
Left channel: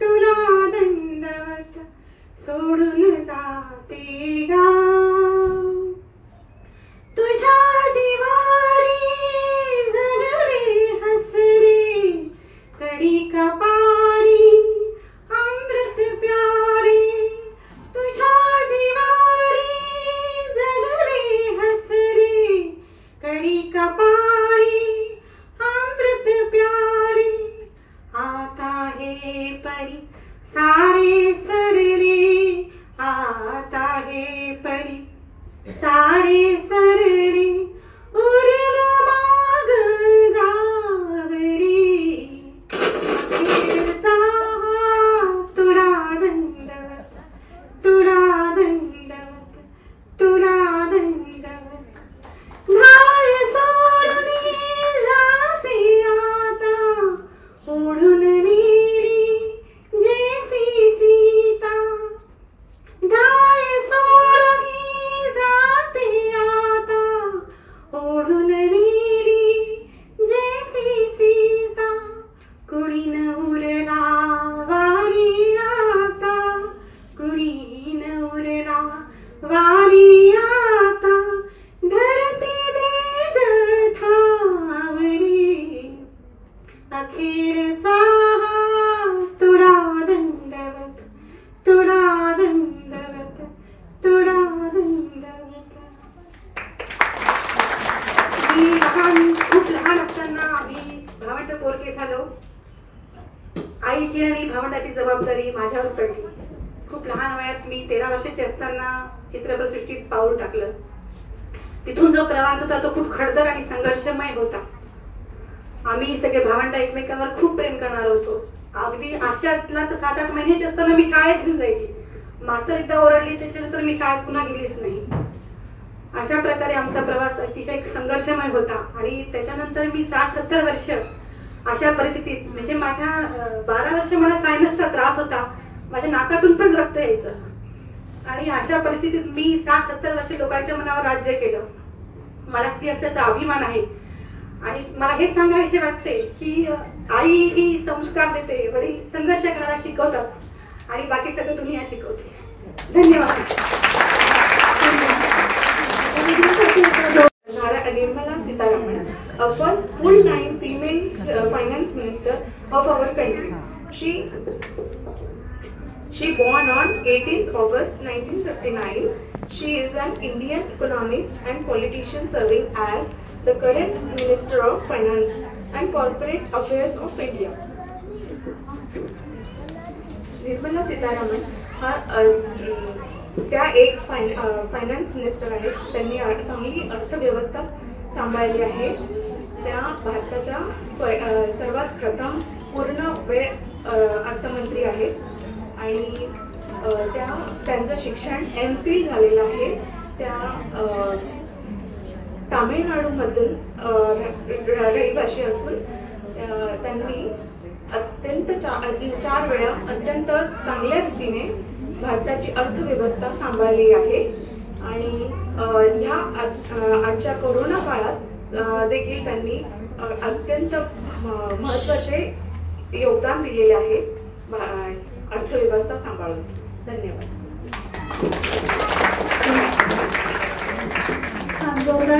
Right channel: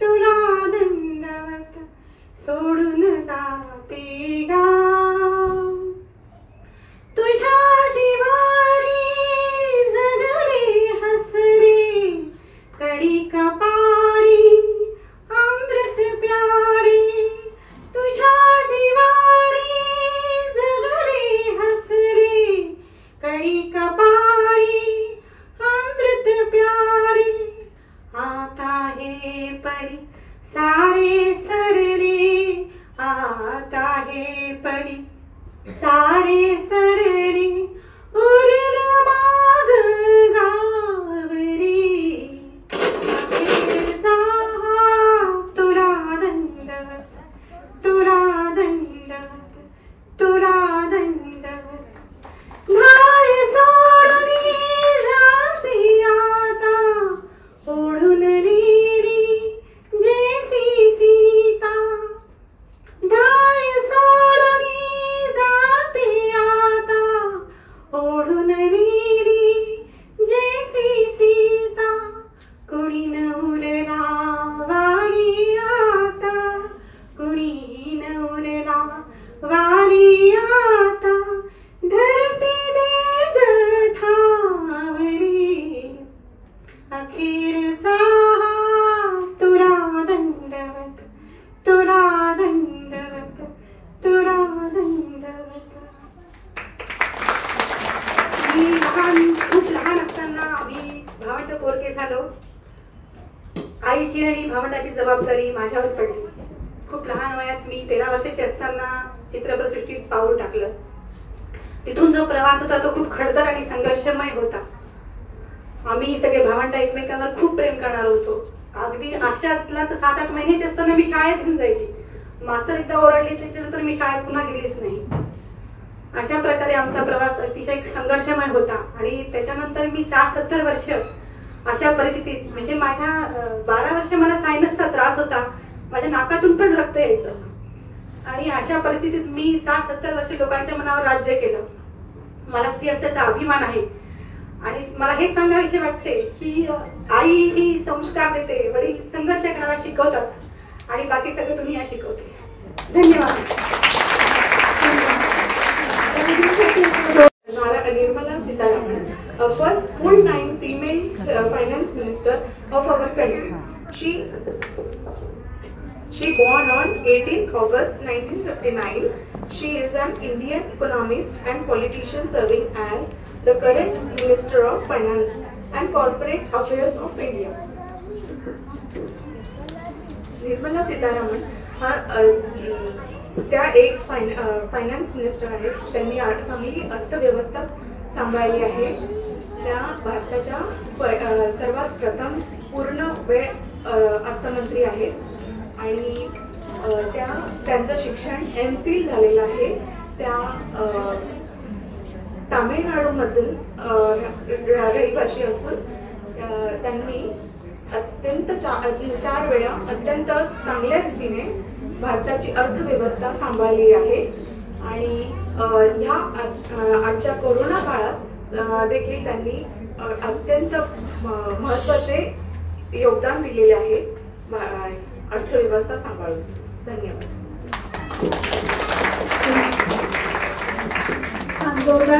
तुला दंडवत सोडून जाते गाव, तुझ्या जिवारी जगले हसरे, कडी कपारी अमृत प्यारे. तुझ्या जिवारी जगले हसरे, कडी कपारी अमृत प्यारे. आता हे परी सारे सरले, आता हे परी सारे सरले, उरल माग गावरे. तुला दंडवत, तुला दंडवत, तुला दंडवत. भाय सोडून जाते आता, ओढून नेली जैसी सीता. धाय सोडून उरला वाणी आता, कुणी न उरला वाणी आता, धरती देग ठावरी, अखेरचा तुला दंडवत, तुला दंडवत, तुला दंडवत. मी खूप लहान असताना आम्ही भावंड पोरके झालो. आईची आणि भावंडाची जबाबदारी माझ्यावर पडली. खूप लहान वयात मी 13 वर्षाची असताना चित्रपटसृष्टीत पाऊल टाकलं. तिथून जो प्रवास होता तो खूप खडतर आणि संघर्षमय होता. आम्ही सगळे भावंड एकमेकांवर खूप प्रेम करणार होतो. अगदी अशातला तर 7-8 महिन्याची असताना मी शाळेत घेऊन जायची. मास्तर एकदा ओरडली त्याच्यानंतर मी शाळेत पुन्हा गेलीच नाही. अशा प्रकारे आमचा प्रवास अतिशय संघर्षमय होता. आणि त्याच्यानंतर मी 60-70 वर्ष अशा परिस्थितीत, म्हणजे माझ्या 12 वर्ष मला सायनसचा त्रास होता. माझ्या नाकातून पण रक्त यायचं. आणि अशा परिस्थितीत मी 60-70 वर्ष लोकांच्या मनावर राज्य केलं. मला स्त्री असल्याचा अभिमान आहे. आणि मला हे सांगाविषयी वाटते की आई ही संस्कार देते, वडील संघर्ष करायला शिकवतात आणि बाकी सगळं दुनिया शिकवते. धन्यवाद. Nirmala Sitharaman, a first full-time female finance minister of our country. She born on 18th August 1959. She is an Indian economist and politician serving as the current Minister of Finance and Corporate Affairs of India. Nirmala Sitharaman त्या एक finance minister आहेत. त्यांनी चांगली अर्थव्यवस्था सांभाळली आहे. त्या भारताच्या सर्वात प्रथम पूर्ण वेळ अर्थमंत्री आहेत. आणि त्यांचं शिक्षण MPhil झालेलं आहे. त्या तामिळनाडूमधून रहिवासी असून त्यांनी अत्यंत 4 वेळा अत्यंत चांगल्या रीतीने भारताची अर्थव्यवस्था सांभाळली आहे. आणि ह्या आजच्या कोरोना काळात देखील त्यांनी अत्यंत महत्त्वाचे योगदान दिलेले आहे अर्थव्यवस्था सांभाळून. धन्यवाद. छान जोरदार